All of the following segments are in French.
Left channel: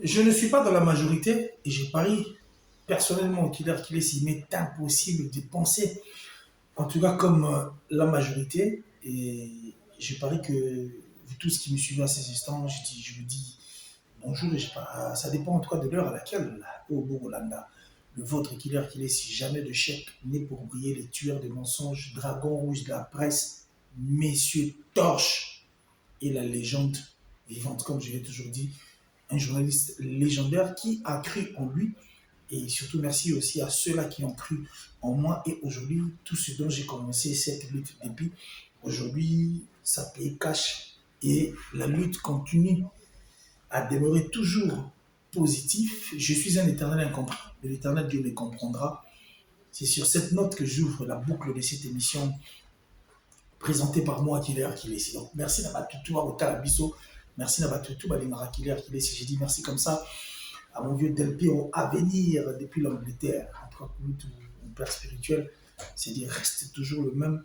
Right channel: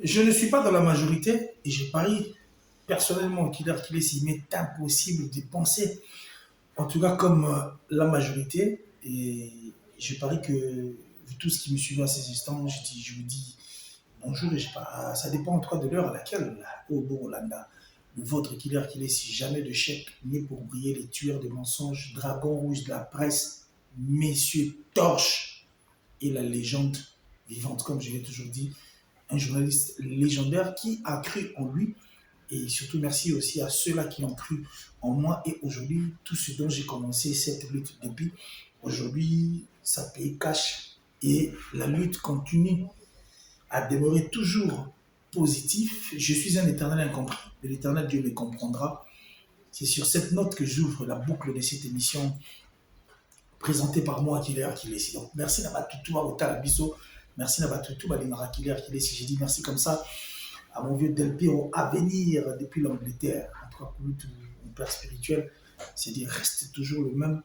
Je ne suis pas dans la majorité et je parie personnellement qu'il est s'il m'est impossible de penser, en tout cas comme la majorité. Et je parie que vous tous qui me suivez à ces instants, je vous dis bonjour et ça dépend en tout cas de l'heure à laquelle, au Borolanda, le vôtre qu'il est si jamais de chèque né pour briller les tueurs de mensonges, dragons rouges de la presse, messieurs torches et la légende vivante, comme je l'ai toujours dit, un journaliste légendaire qui a cru en lui. Et surtout, merci aussi à ceux-là qui ont cru en moi. Et aujourd'hui, tout ce dont j'ai commencé cette lutte depuis, aujourd'hui, ça paye cash. Et la lutte continue à demeurer toujours positif. Je suis un éternel incompris. L'éternel Dieu me comprendra. C'est sur cette note que j'ouvre la boucle de cette émission présentée par moi, Killer Kilesi. Donc, merci d'avoir tout à Otalabiso. Merci d'avoir tout à Limara Killer Kilesi. J'ai dit merci comme ça à mon vieux Del Piero à venir depuis l'Angleterre. En tout cas, pour lui, mon père spirituel, c'est dire reste toujours le même.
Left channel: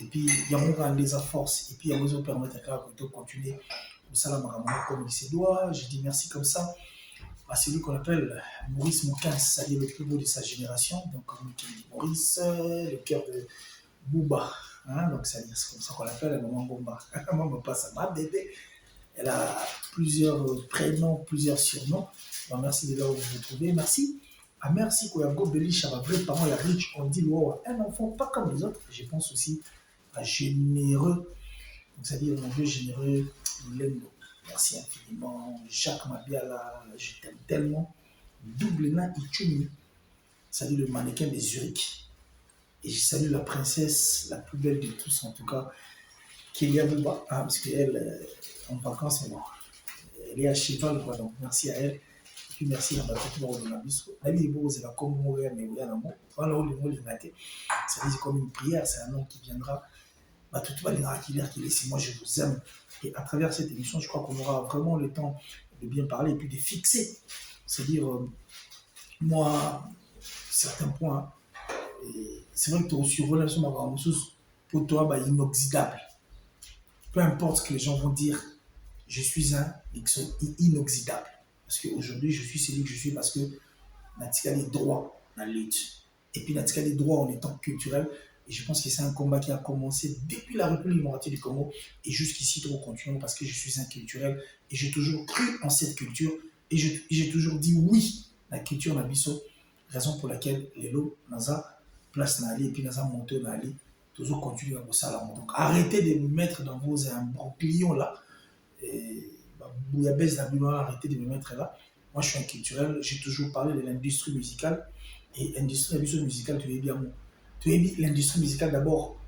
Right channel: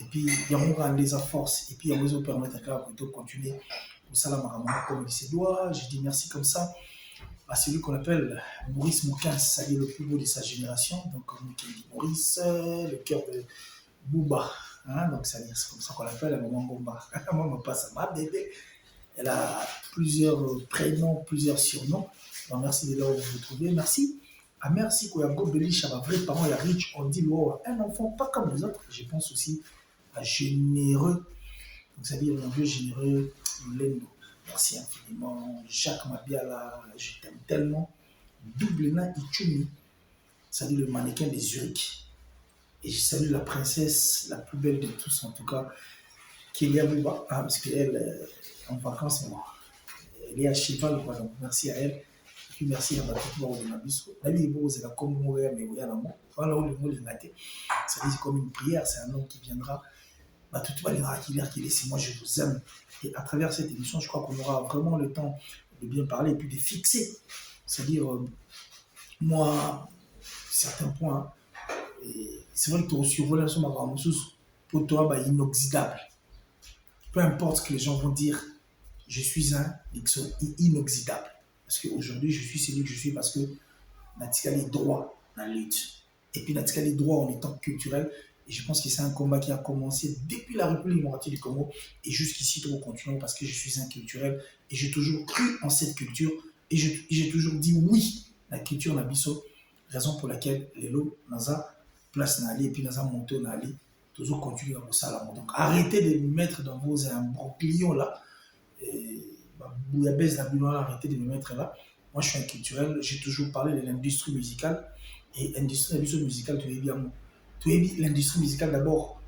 Et puis, il y a mon rendez à force. Et puis, il y a besoin de permettre de continuer au salam comme il se doit. J'ai dit merci comme ça à celui qu'on appelle Maurice Moukins, ça y est le plus beau de sa génération. Donc, comme il dit Maurice, le cœur de Bouba. Hein, donc, c'est comme ça qu'on l'appelle, maman Gomba. Maman passe à ma bébé. Elle a plusieurs prénoms, plusieurs surnoms. Donc, merci de leur vous retrouver. Merci. Ah, merci Koyango Belich, à ma vraie parole, la riche, on dit un enfant pas comme les autres. Je pense aussi à généreux. Donc, c'est-à-dire mon Dieu généreux, Lendo. Merci infiniment. Jacques Mabiala, je t'aime tellement. Doublena Ichumi, c'est-à-dire le mannequin des Zurich. Et je salue la princesse, la plus belle de tous, en tout cas, Kélia Bouba, parce qu'elle est en vacances, mais bon, elle est à cheval, quoi, donc merci à elle. Et puis merci à ma petite mort de ma biso. Même si vous avez comme mourir, mais vous avez un mot. Voilà où le mot est maté. C'est comme une prière, c'est un nom qui viendra. Tout va les qui laisse, moi je vous aime. Et à travers cette émission, je crois qu'on aura vraiment le temps de bien parler et puis de fixer. C'est-à-dire, moi, certains points, c'est vrai que tu as survolé sur ma ressource pour toi, bah, inoxydable. Peu importe ce que les gens vont dire, je suis un inoxydable. Parce qu'aujourd'hui, je suis celui que je suis parce que Natika est droit dans la lutte. Et puis Natika est droit en étant culturel. Et je pense que c'est un combat qui a commencé depuis la République démocratique du Congo et jusqu'ici, trop continuons parce que je suis un culturel et j'ai toujours cru en cette culture et j'ai toujours dit oui, la culture Nabiso, raison pour laquelle les lots, Naza, place Nali et puis Naza monte Nali, toujours continuer à ça là. Donc arrêtez de me mettre dans vos imbroglios là. Bouillabaisse d'Abinois, arrêtez de me mettre là. Moi, je suis un culturel, j'ai toujours parlé de l'industrie musicale. Et l'industrie musicale, tu es bien. Tu es l'industrie musicale d'abord.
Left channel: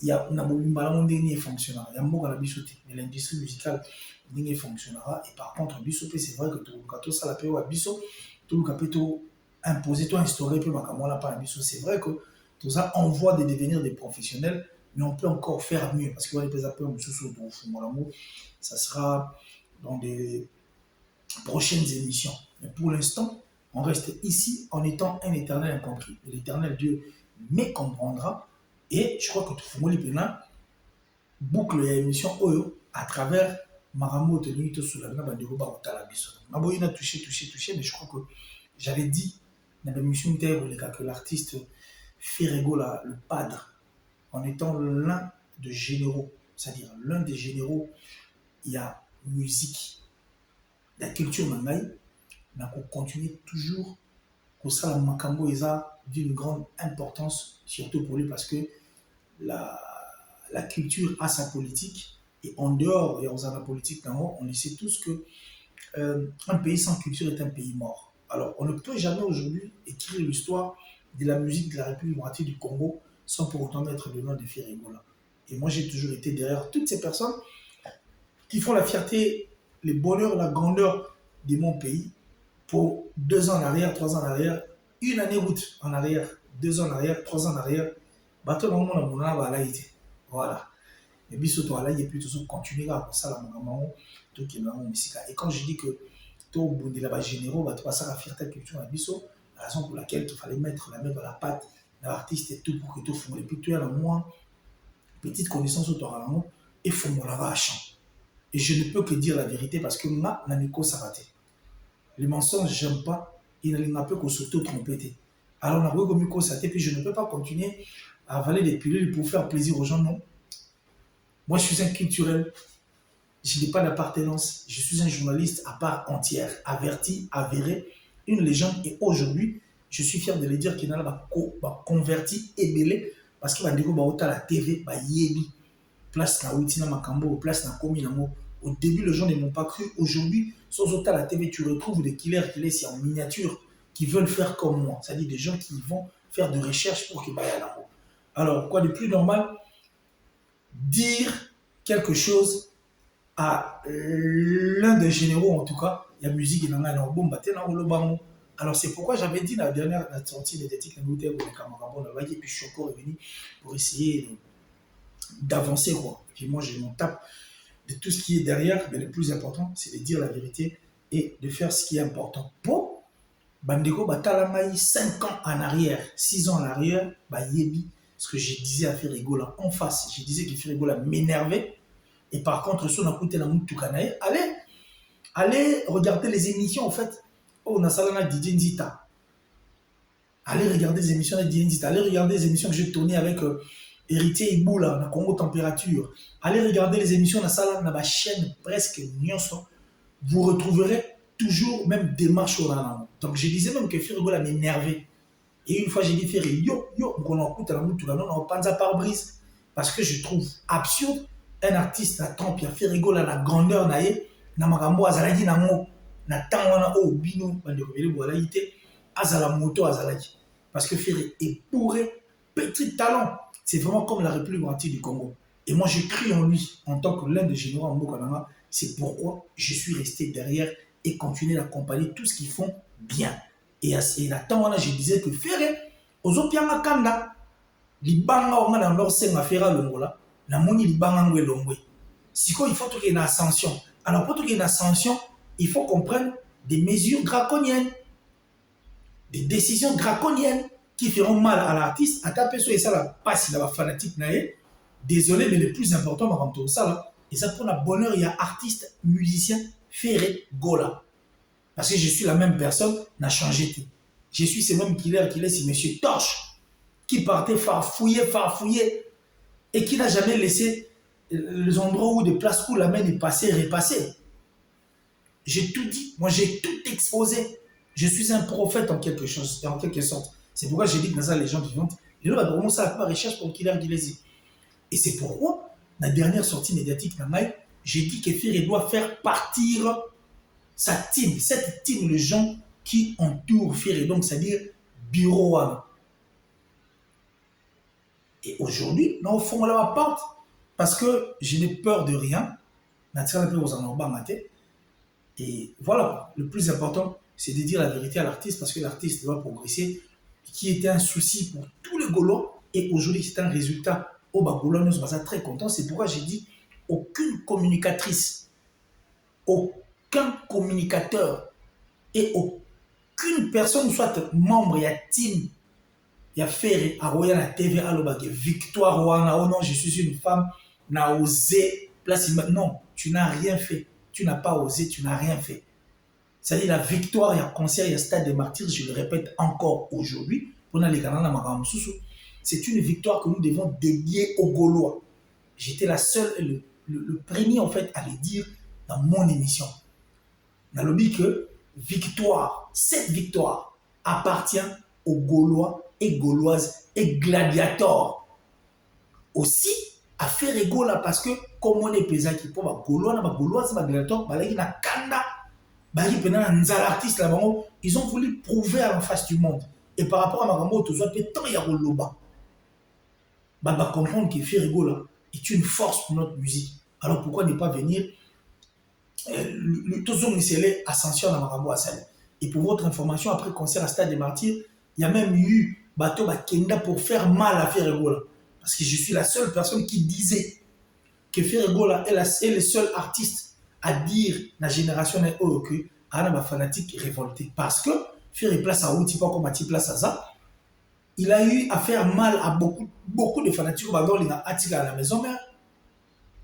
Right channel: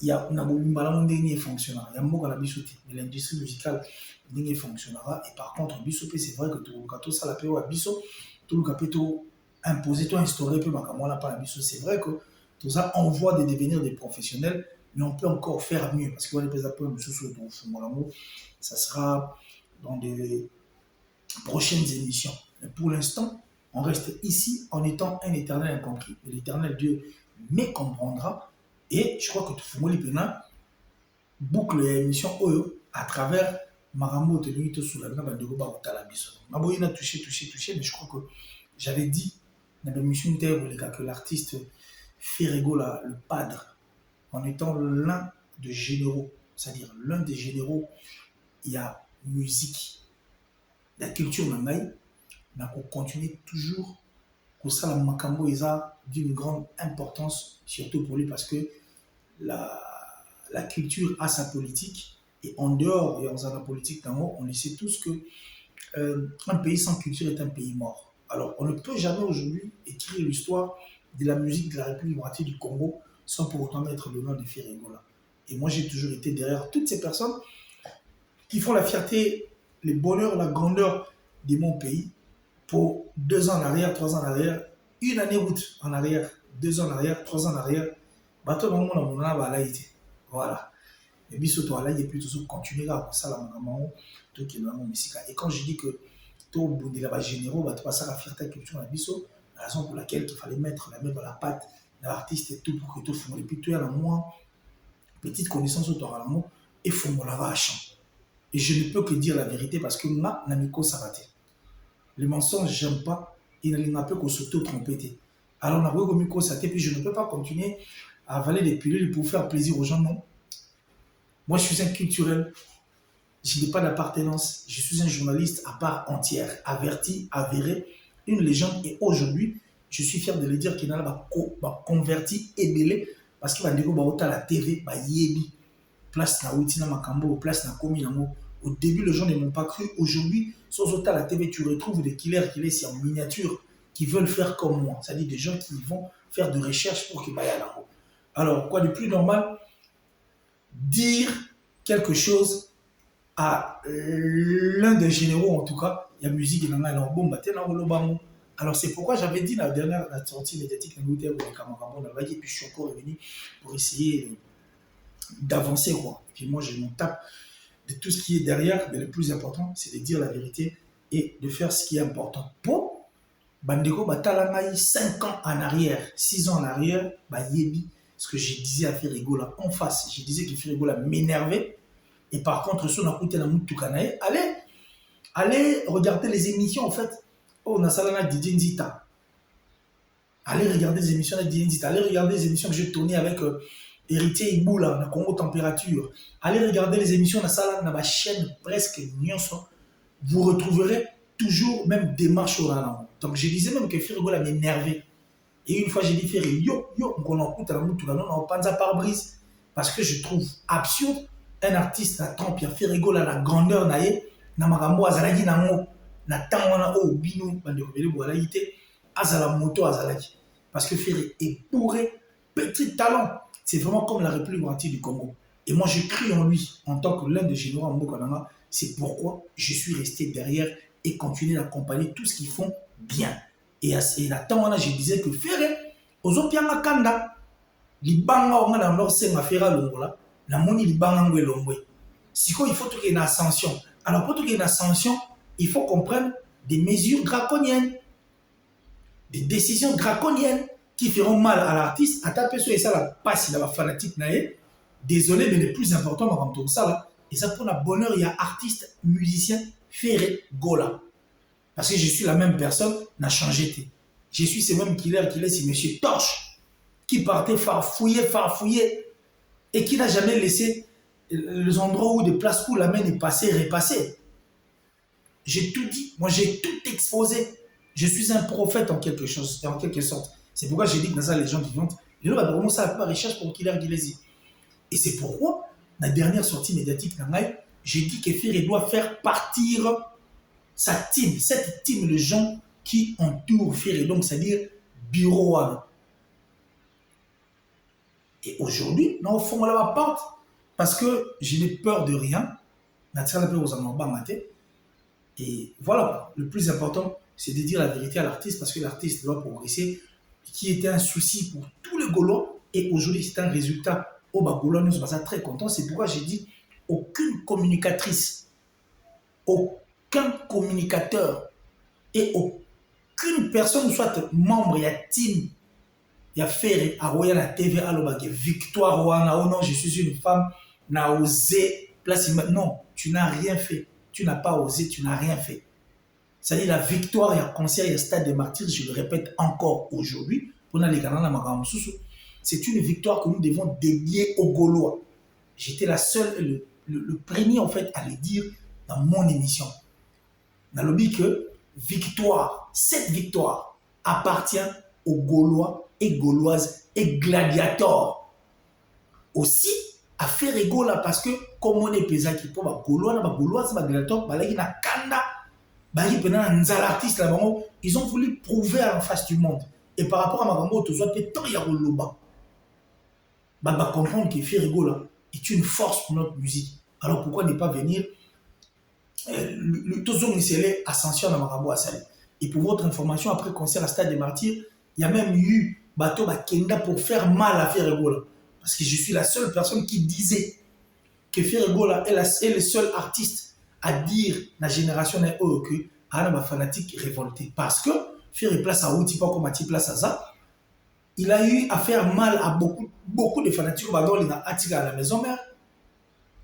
Il y a un dernier fonctionnera. Il y a un mot à la bisoté. Mais l'industrie musicale, dernier fonctionnera. Et par contre, bisoté, c'est vrai que tout le gâteau, ça l'a payé à biso. Tout le gâteau imposé, toi instauré, puis on n'a pas la biso. C'est vrai que tout ça envoie de devenir des professionnels, mais on peut encore faire mieux. Parce qu'on est pas peu ça sera dans des prochaines émissions. Mais pour l'instant, on reste ici en étant un éternel incompris. Et l'éternel Dieu me comprendra. Et je crois que tout le monde boucle l'émission à travers Maramo de lui sous la main de Ruba Otalabiso. Maboïna touché, mais je crois que j'avais dit dans l'émission que l'artiste Ferrego, le padre, en étant l'un des généraux, c'est-à-dire l'un des généraux, il y a musique, la culture nangaï, mais qu'on continue toujours pour ça, la Makambo est d'une grande importance, surtout pour lui, parce que la culture a sa politique, et en dehors, et en faisant la politique d'amour, on le sait tous que un pays sans culture est un pays mort. Alors, on ne peut jamais aujourd'hui écrire l'histoire de la musique de la République démocratique du Congo sans pour autant mettre le nom de Ferrigola. Et moi, j'ai toujours été derrière toutes ces personnes qui font la fierté, le bonheur, la grandeur de mon pays pour 2 ans en arrière, 3 ans en arrière, une année route en arrière, 2 ans en arrière, 3 ans en arrière, bateau moment on a été. Voilà. Mais biso là, il est plutôt continuer à ça la maman, tout qui est maman musique. Et quand je dis que tout bondi là-bas généraux, va te passer la fierté culture à biso, la raison pour laquelle il fallait mettre la main dans la patte de l'artiste et tout pour que tout fond. Et puis tu as la moins petite connaissance autour de l'amour et fond la à chant. Et je ne peux que dire la vérité parce que ma n'amiko s'arrêtait. Les mensonges, j'aime pas. Il ne m'a pas qu'on s'auto-tromper. Alors, on a vu comme ça, puis je ne peux pas continuer à avaler des pilules pour faire plaisir aux gens, non. Moi, je suis un culturel. Je n'ai pas d'appartenance. Je suis un journaliste à part entière, averti, avéré, une légende. Et aujourd'hui, je suis fier de le dire qu'il a converti et belé parce qu'il va dire que la TV, yebi, place na outina makambo, place na komi nango. Au début, les gens ne m'ont pas cru. Aujourd'hui, sans autant la TV, tu retrouves des killers qui laissent en miniature, qui veulent faire comme moi. C'est-à-dire des gens qui vont faire de recherche pour qu'ils aillent là-haut. Alors, quoi de plus normal? Dire quelque chose à l'un des généraux, en tout cas, il y a musique et alors bon, alors c'est pourquoi j'avais dit la dernière sortie médiatique et puis je suis encore revenu pour essayer d'avancer. Et puis moi, je m'en tape de tout ce qui est derrière, mais le plus important, c'est de dire la vérité et de faire ce qui est important. Pour Bandeko Batalamai, 5 ans en arrière, 6 ans en arrière, Yebi, ce que je disais à Ferrigola en face, je disais que Ferrigola m'énervait. Et par contre, si on a écouté la Moutoukanae, allez regarder les émissions, en fait. Oh, on a ça là, DJ Nzita. Allez regarder les émissions de DJ Nzita. Allez regarder les émissions que j'ai tournées avec Héritier Ibou, là, la Congo Température. Allez regarder les émissions de ça dans ma chaîne presque Nyonso. Vous retrouverez toujours même des marches au là. Donc, je disais même que Ferrigola m'énervait. Et une fois, j'ai dit, Ferri, on écoute la Moutoukanae, on pas de pare-brise. Parce que je trouve absurde un artiste na temps puis a fait rigoler la grandeur nae na makambo azalaki nango na temps wana o bino bande ko bele boala yité azala moto azalaki parce que Ferry est bourré petit talent, c'est vraiment comme la République entière du Congo et moi je crie en lui en tant que l'un des généraux en Mokanama. C'est pourquoi je suis resté derrière et continuer d'accompagner tout ce qu'ils font bien. Et à temps wana je disais que Ferry ozopianga kanda libanga on a leur senga fera longola la moni libanga ngwe longwe. Siko il faut qu'il y ait une ascension. Alors pour qu'il y ait une ascension, il faut qu'on prenne des mesures draconiennes, des décisions draconiennes qui feront mal à l'artiste. À taper sur ça la passe la fanatique naé. Désolé mais le plus important avant tout ça là, et ça pour le bonheur il y a artiste, musicien, Ferry Gola. Parce que je suis la même personne, n'a changé. Je suis ce même killer c'est Monsieur Torche qui partait farfouiller et qui n'a jamais laissé les endroits où des places où la main est passée, repassée. J'ai tout dit, moi j'ai tout exposé. Je suis un prophète en quelque sorte. C'est pourquoi j'ai dit que dans ça, les gens qui viennent, ils ont commencé à faire recherche pour Killer Gilesi. Et c'est pourquoi, la dernière sortie médiatique, j'ai dit que Ferry doit faire partir sa team, cette team, les gens qui entourent Ferry, donc c'est-à-dire bureau. Et aujourd'hui, nous faisons la porte parce que je n'ai peur de rien. Et voilà, le plus important, c'est de dire la vérité à l'artiste parce que l'artiste doit progresser, qui était un souci pour tous les Gaulois. Et aujourd'hui, c'est un résultat. Au Bagoulois, nous sommes très contents. C'est pourquoi j'ai dit aucune communicatrice, aucun communicateur et aucune personne, soit membre, il y a team, il y a Ferry, à la TV, à l'obag, victoire, oh non, je suis une femme, n'a osé, place, non, tu n'as rien fait, tu n'as pas osé, tu n'as rien fait. C'est-à-dire la victoire, il y a concert, il y a stade des martyrs, je le répète encore aujourd'hui, c'est une victoire que nous devons dédier aux Gaulois. J'étais la seule, le premier en fait à le dire dans mon émission. Dans le but que victoire, cette victoire appartient aux Gaulois et Gauloises et gladiateurs. Aussi, à faire rigoler parce que, comme on est pesant qui peut, Gaulois, Gauloises, gladiateurs, ils ont voulu prouver en face du monde. Et par rapport à Magambo, tout ça, tant il y a Roloba. Comprendre que faire rigoler est une force pour notre musique. Alors pourquoi ne pas venir le Tozo Missélé Ascension dans Magambo Assal. Et pour votre information, après concert à Stade des Martyrs, il y a même eu Bateau Bakenda pour faire mal à Ferregola. Parce que je suis la seule personne qui disait que Ferregola est le seul artiste à dire la génération est que à la fanatique révoltée. Parce que Ferre place à Outi, pas comme à place à ça, il a eu à faire mal à beaucoup de fanatiques. Il a à la maison mère.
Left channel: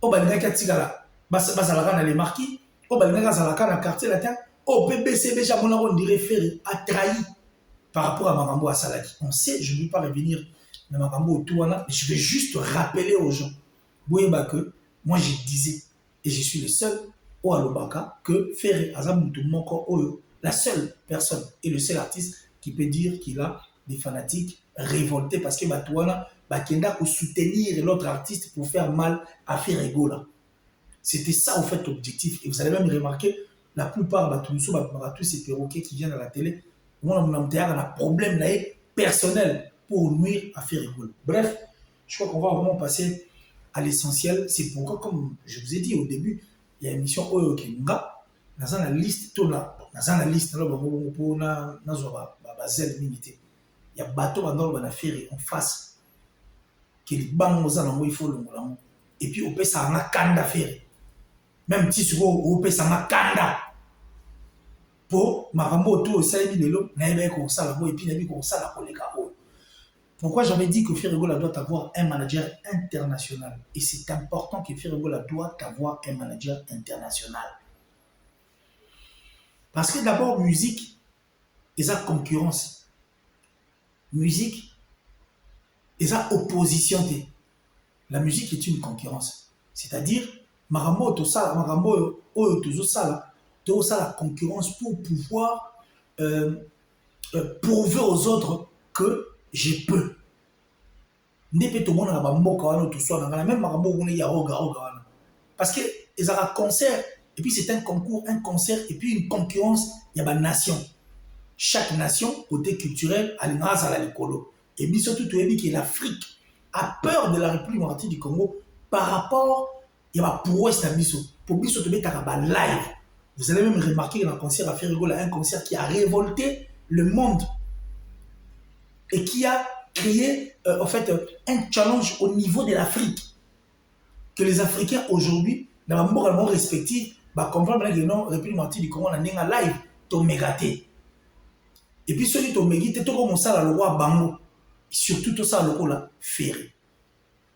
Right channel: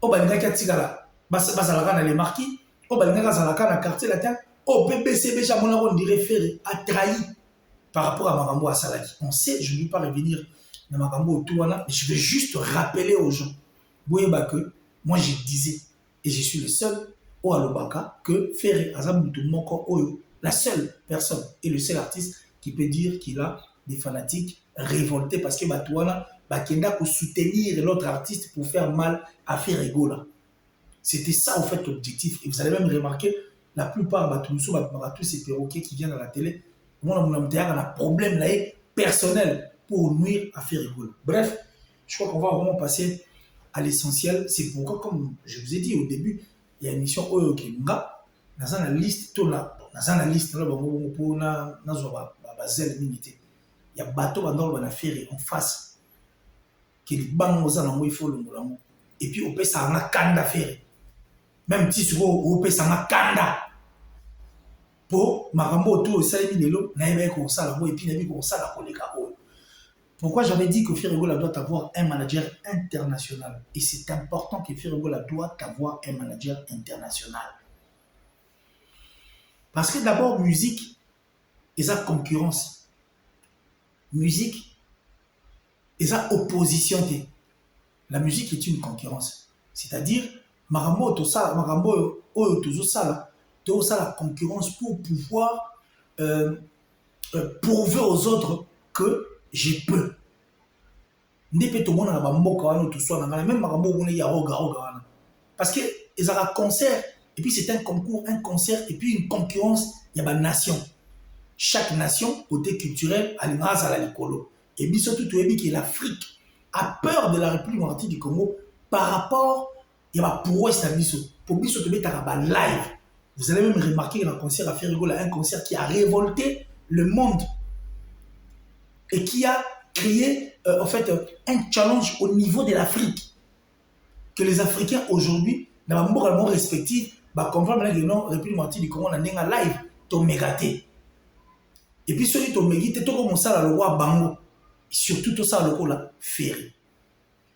Il a à les marquis. Il a à la quartier latin. Au BBC, déjà, on dirait Ferré a trahi par rapport à Marambo à Salaki. On sait, je ne vais pas revenir dans Marambo autour, mais je vais juste rappeler aux gens. Boyeba que moi je disais, et je suis le seul au Alobaka, que Ferré Azamutu Moko Oyo, la seule personne et le seul artiste qui peut dire qu'il a des fanatiques révoltés parce que Batouana Bakenda pour soutenir l'autre artiste pour faire mal à Ferregola. C'était ça, en fait, l'objectif. Et vous allez même remarquer, la plupart de tous ces perroquets qui viennent à la télé, on a un problème personnel pour nuire à Ferregola. Bref, je crois qu'on va vraiment passer à l'essentiel. C'est pourquoi, comme je vous ai dit au début, il y a une émission Oyo Kenga, dans la liste, il y a bateau en ferry en face, qui est il faut le. Et puis, on peut ça en kanda ferry. Même si on peut ça en kanda. Pour Marambo, tout ça, il y a et puis il y a pourquoi j'avais dit que Ferregola doit avoir un manager international. Et c'est important que Ferregola doit avoir un manager international. Parce que d'abord, musique, ils ont concurrence. Musique, ils ont opposition. La musique est une concurrence. C'est-à-dire, Marambo, tout ça, Marambo, tout ça, la concurrence pour pouvoir prouver aux autres que je peux. Parce que ils ont un concert, et puis c'est un concours, un concert, et puis une concurrence, il y a une nation. Chaque nation, côté culturel, a une race à l'écolo. Et puis surtout, tu as dit que l'Afrique a peur de la République démocratique du Congo par rapport à la prouesse de Bisso. Pour Bisso, tu as live. Vous allez même remarquer que le concert a fait rigoler, un concert qui a révolté le monde et qui a créé en fait un challenge au niveau de l'Afrique que les Africains aujourd'hui dans la moralement respective comprendre que non République démocratique du Congo na nenga live to mégaté et puis celui to mégité to comme ça la loi bango surtout tout ça le là ferré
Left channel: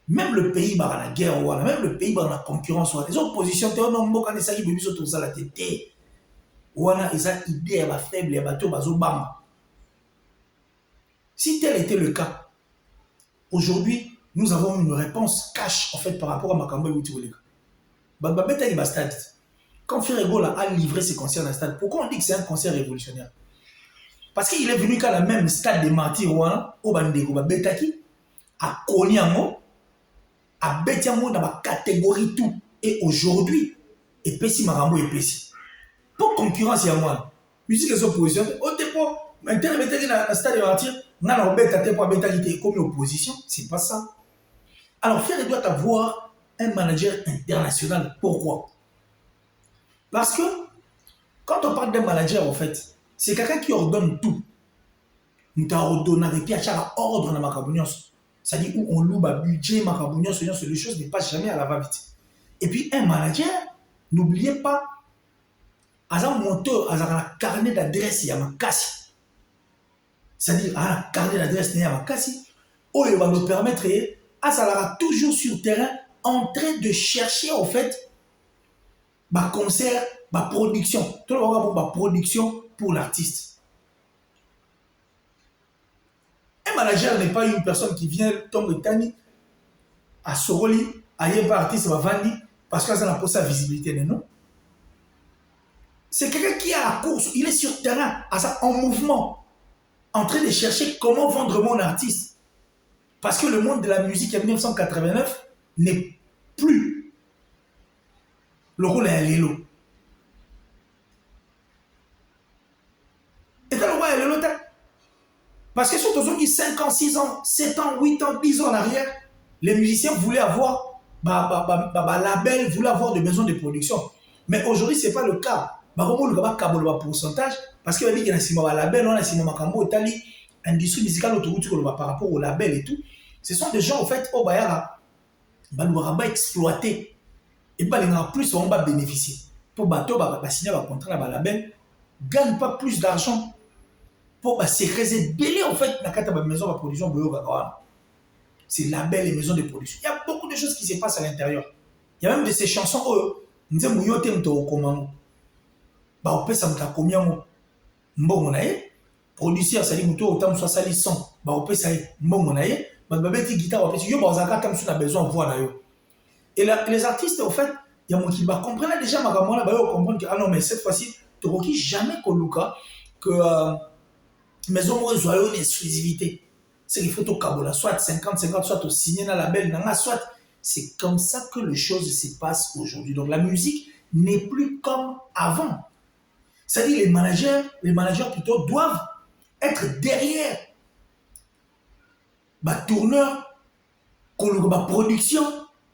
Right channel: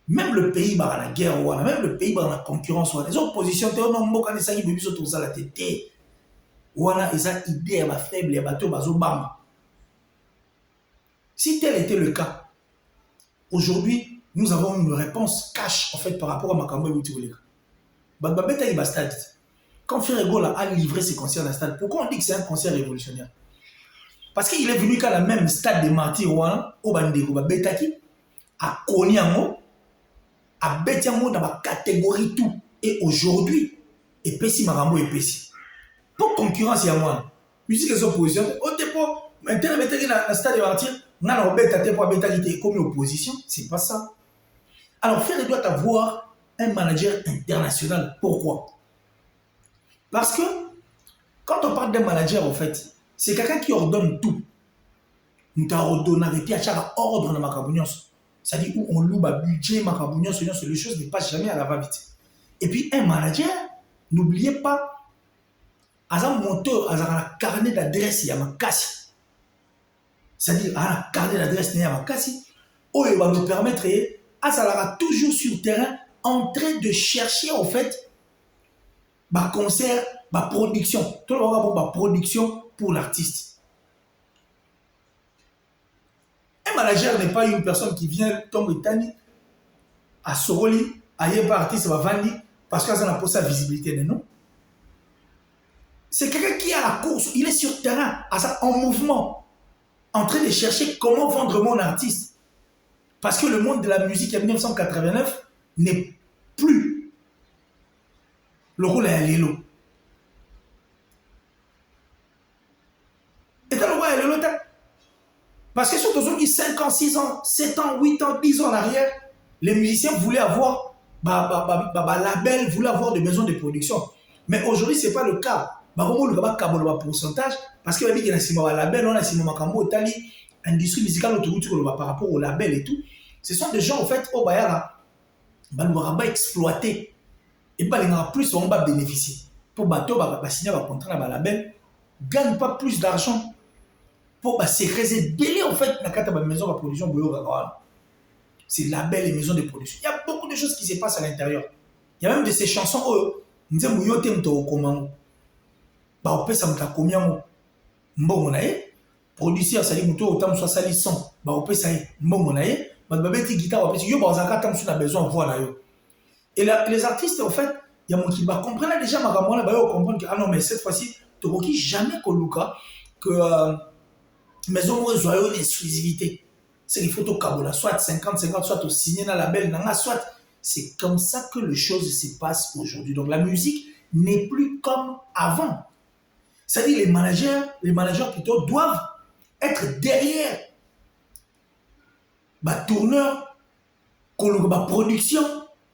même le pays dans la guerre même le pays dans la concurrence les oppositions te non mboka ne saki bebiso tout ça la tête wana eza idée ya ba faible ya bato bazo bamba. Si tel était le cas, aujourd'hui, nous avons une réponse cash en fait par rapport à Makambo et Wutiwoleka. Babeta il stade. Quand Ferregola a livré ses concerts dans le stade, pourquoi on dit que c'est un concert révolutionnaire? Parce qu'il est venu qu'à la même stade de Martyr au Bandego, Babetaki, à Koniamo, à Betiamo dans la catégorie tout. Et aujourd'hui, et Pessi Makambo et Pessi. Pour concurrence, il y a moi. Musique et opposition. Au dépôt, maintenant, Betaki dans le stade de Martyr. Non, comme opposition, c'est pas ça. Alors, Ferré doit avoir un manager international. Pourquoi? Parce que quand on parle d'un manager, en fait, c'est quelqu'un qui ordonne tout. Nous t'ordonnons et puis à chaque ordre dans Macabonios. C'est-à-dire où on loue le budget, Macabonios, les choses ne passent jamais à la va-vite. Et puis, un manager, n'oubliez pas, à un moteur, à un carnet d'adresse, il y a ma casse. C'est-à-dire, à carnet d'adresse n'est pas cassé, où il va nous permettre, à ça toujours sur le terrain, en train de chercher, en fait, ma concert, ma production. Tout le monde va ma production pour l'artiste. Un manager n'est pas une personne qui vient tomber tani, à Soroli, à un artiste va vendre, parce que ça n'a pas sa visibilité, non. C'est quelqu'un qui est à la course, il est sur le terrain, en mouvement. En train de chercher comment vendre mon artiste. Parce que le monde de la musique en 1989 n'est plus le rôle à l'élo. Et quand on voit l'élo, parce que sur tous 5 ans, 6 ans, 7 ans, 8 ans, 10 ans en arrière, les musiciens voulaient avoir label, voulaient avoir des maisons de production. Mais aujourd'hui, ce n'est pas le cas. Le pourcentage parce qu'il va dire qu'il y a un label, on a un industrie musicale par rapport au label et tout. Ce sont des gens en fait au Bayara, on va exploiter et plus on va bénéficier. Pour bateau, signer un contrat avec label, gagne pas plus d'argent pour se réserver en fait dans la maison de production. C'est label et maison de production. Il y a beaucoup de choses qui se passent à l'intérieur. Il y a même de ces chansons nous disons bah on ça me combien mbongo na ye producteur sali muto autant soit sali son bah on ça mbongo na ye bah beti guitare on yo bah zaka tam sur a besoin voix na yo et les artistes en fait il y a mon qui va comprendre déjà ma gamona bah yo comprendre que ah non mais cette fois-ci tokoki jamais koluka que maison moi joyeux l'exclusivité c'est qu'il faut au Kabola soit 50-50 soit au signer dans la label dans soit c'est comme ça que les choses se passent aujourd'hui donc la musique n'est plus comme avant. C'est-à-dire les managers plutôt doivent être derrière ma tourneur, ma production,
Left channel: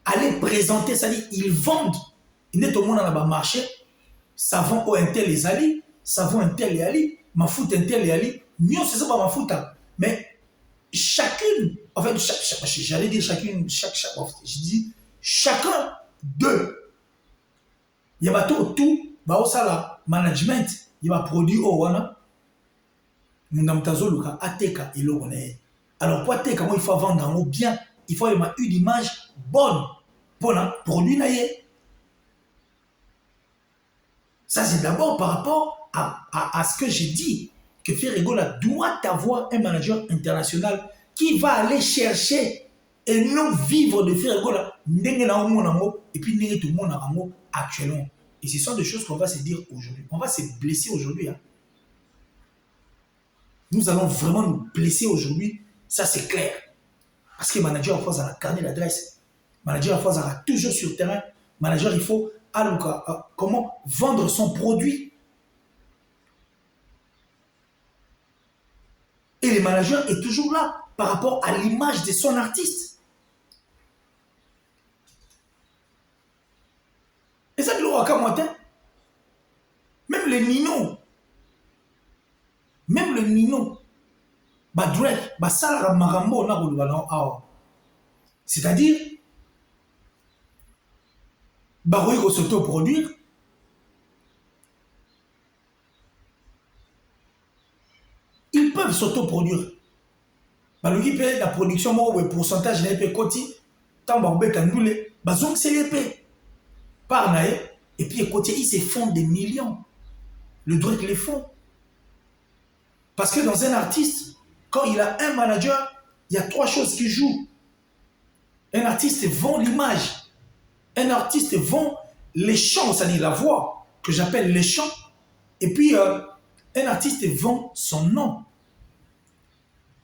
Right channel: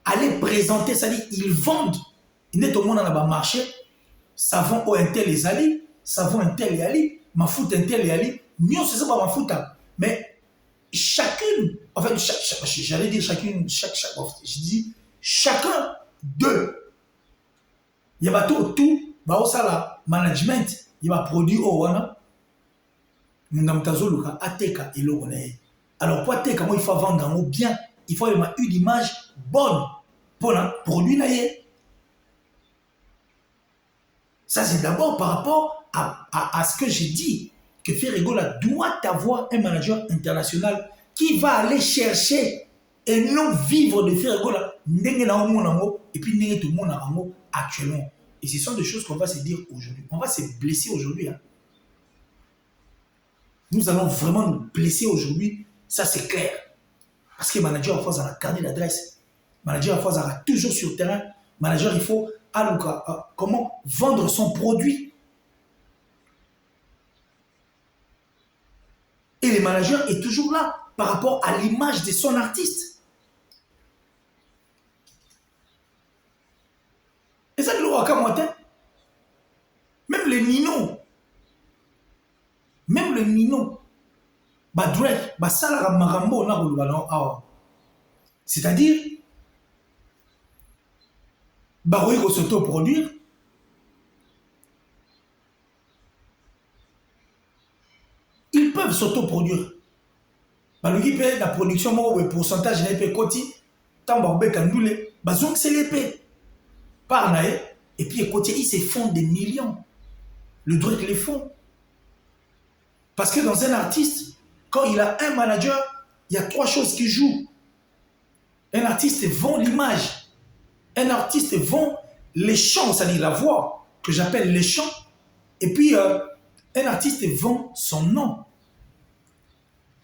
aller présenter, c'est-à-dire ils vendent. Ils n'est tout le monde dans le marché, savon au intel les ali, savon intel les ali, ma foot intel les ali, mieux c'est ça pas ma foot. Mais chacune, en fait, j'allais dire chacune, je dis chacun d'eux. Il y a tout, bah ça là, management, il va produire au wana. Namtazo luka ateka et l'eau. Alors pour ateka, moi il faut vendre un mot bien, il faut avoir une image bonne pour le produit naïe. Ça c'est d'abord par rapport à ce que j'ai dit, que Ferregola doit avoir un manager international qui va aller chercher et non vivre de Ferregola. Et puis tout le monde a un mot actuellement. Et ce sont des choses qu'on va se dire aujourd'hui. On va se blesser aujourd'hui. Hein. Nous allons vraiment nous blesser aujourd'hui. Ça, c'est clair. Parce que le manager, en face, a la carnet d'adresse. Le manager, en face, a toujours sur le terrain. Le manager, il faut comment vendre son produit. Et le manager est toujours là par rapport à l'image de son artiste. Et ça, même le Nino, c'est-à-dire, il faut s'autoproduire. Ils peuvent s'autoproduire. La production, le pourcentage de l'épée côté, tant que c'est l'épée. Par et puis côté, ils se font des millions. Le droit les font. Parce que dans un artiste, quand il a un manager, il y a trois choses qui jouent. Un artiste vend l'image. Un artiste vend les chants, c'est-à-dire la voix, que j'appelle les chants. Et puis, un artiste vend son nom.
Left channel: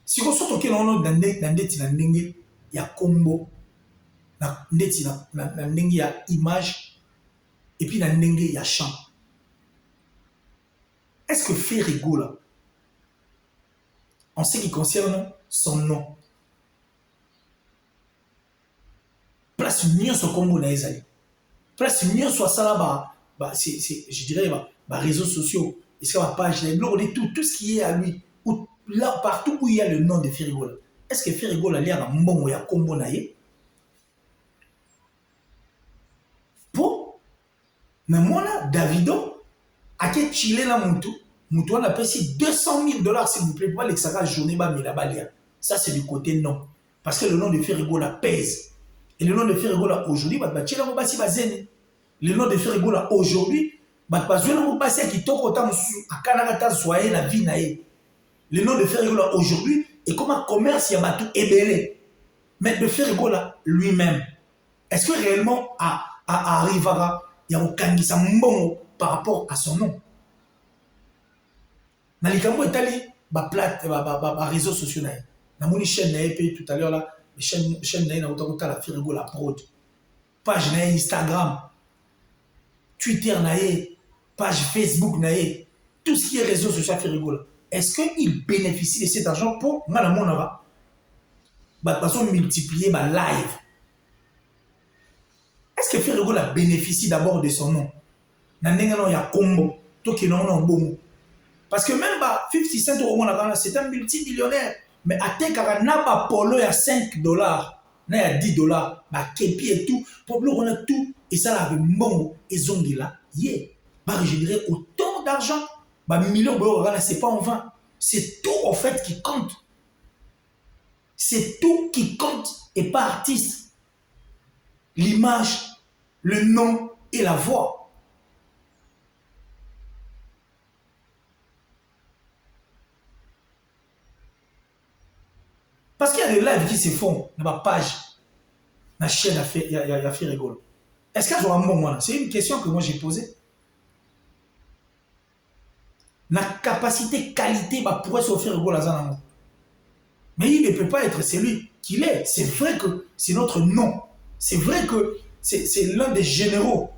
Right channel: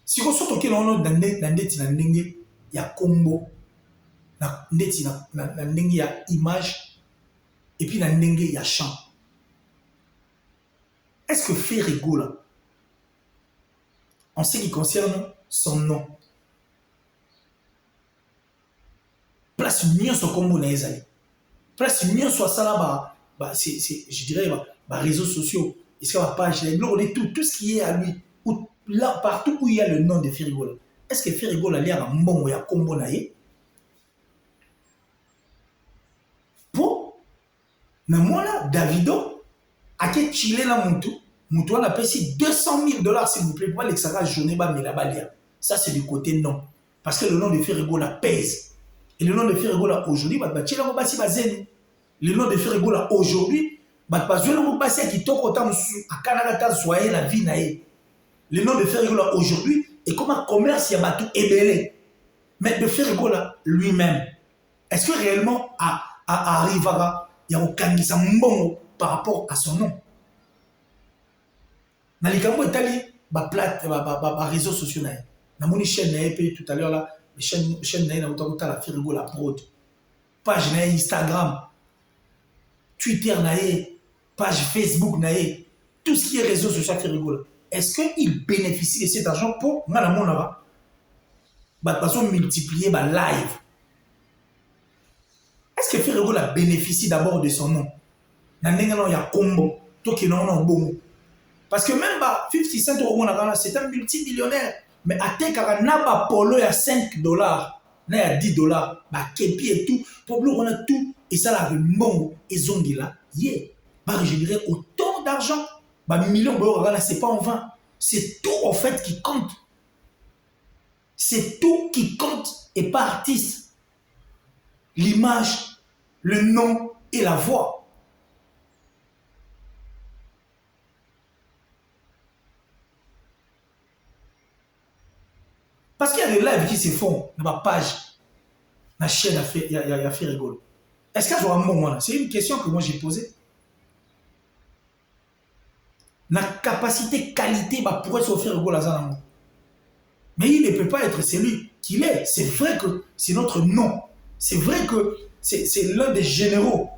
Si on sort auquel on a il y a combo. Il y a image. Et puis, il y a chant. Est-ce que Ferregola, en ce qui concerne son nom, place mieux son combo na ezali, place mieux soit ça là je dirais réseaux sociaux, est-ce qu'il y a page, les blogs, tout ce qui est à lui, ou là partout où il y a le nom de Ferregola, est-ce que Ferregola a un bon ou un combo na ye? Pour namona Davido a que chiller la moutou. Moutoua a payé $200,000 s'il vous plaît pour aller que ça va journée balia. Ça c'est du côté non. Parce que le nom de Ferregola pèse. Et le nom de Ferregola aujourd'hui, le nom de Ferregola aujourd'hui, la vie naïe. Le nom de Ferregola aujourd'hui est comme un commerce qui a tout ébélé. Mais de Ferregola lui-même, est-ce que réellement arrivera, il y a aucun qui s'en par rapport à son nom? Dans les camps italiens, réseaux sociaux, dans mon chaîne tout à l'heure là, chaîne la Ferregola prod, page Instagram, Twitter page Facebook tout ce qui est réseaux sociaux Ferregola. Est-ce qu'il bénéficie de cet argent pour Malamonara? Façon multiplier ma live. Est-ce que Ferregola bénéficie d'abord de son nom? Il y a combo, tout qui non bon. Parce que même 50 Cent, c'est un multimillionnaire. Mais à Tekara, n'a pas polo à $5, n'a à $10, Kepi et tout, pour on a tout, et ça là, avec Mongo et Zongi là, générer autant d'argent, millions d'euros, c'est pas en vain. C'est tout en fait qui compte. C'est tout qui compte et pas artiste. L'image, le nom et la voix. Parce qu'il y a des lives qui se font dans ma page, ma chaîne a fait rigolo. Est-ce qu'il y a un moment? C'est une question que moi j'ai posée. La capacité, qualité, bah, pourrait s'offrir rigolo à Zanamo. Mais il ne peut pas être celui qu'il est. C'est vrai que c'est notre nom. C'est vrai que c'est l'un des généraux.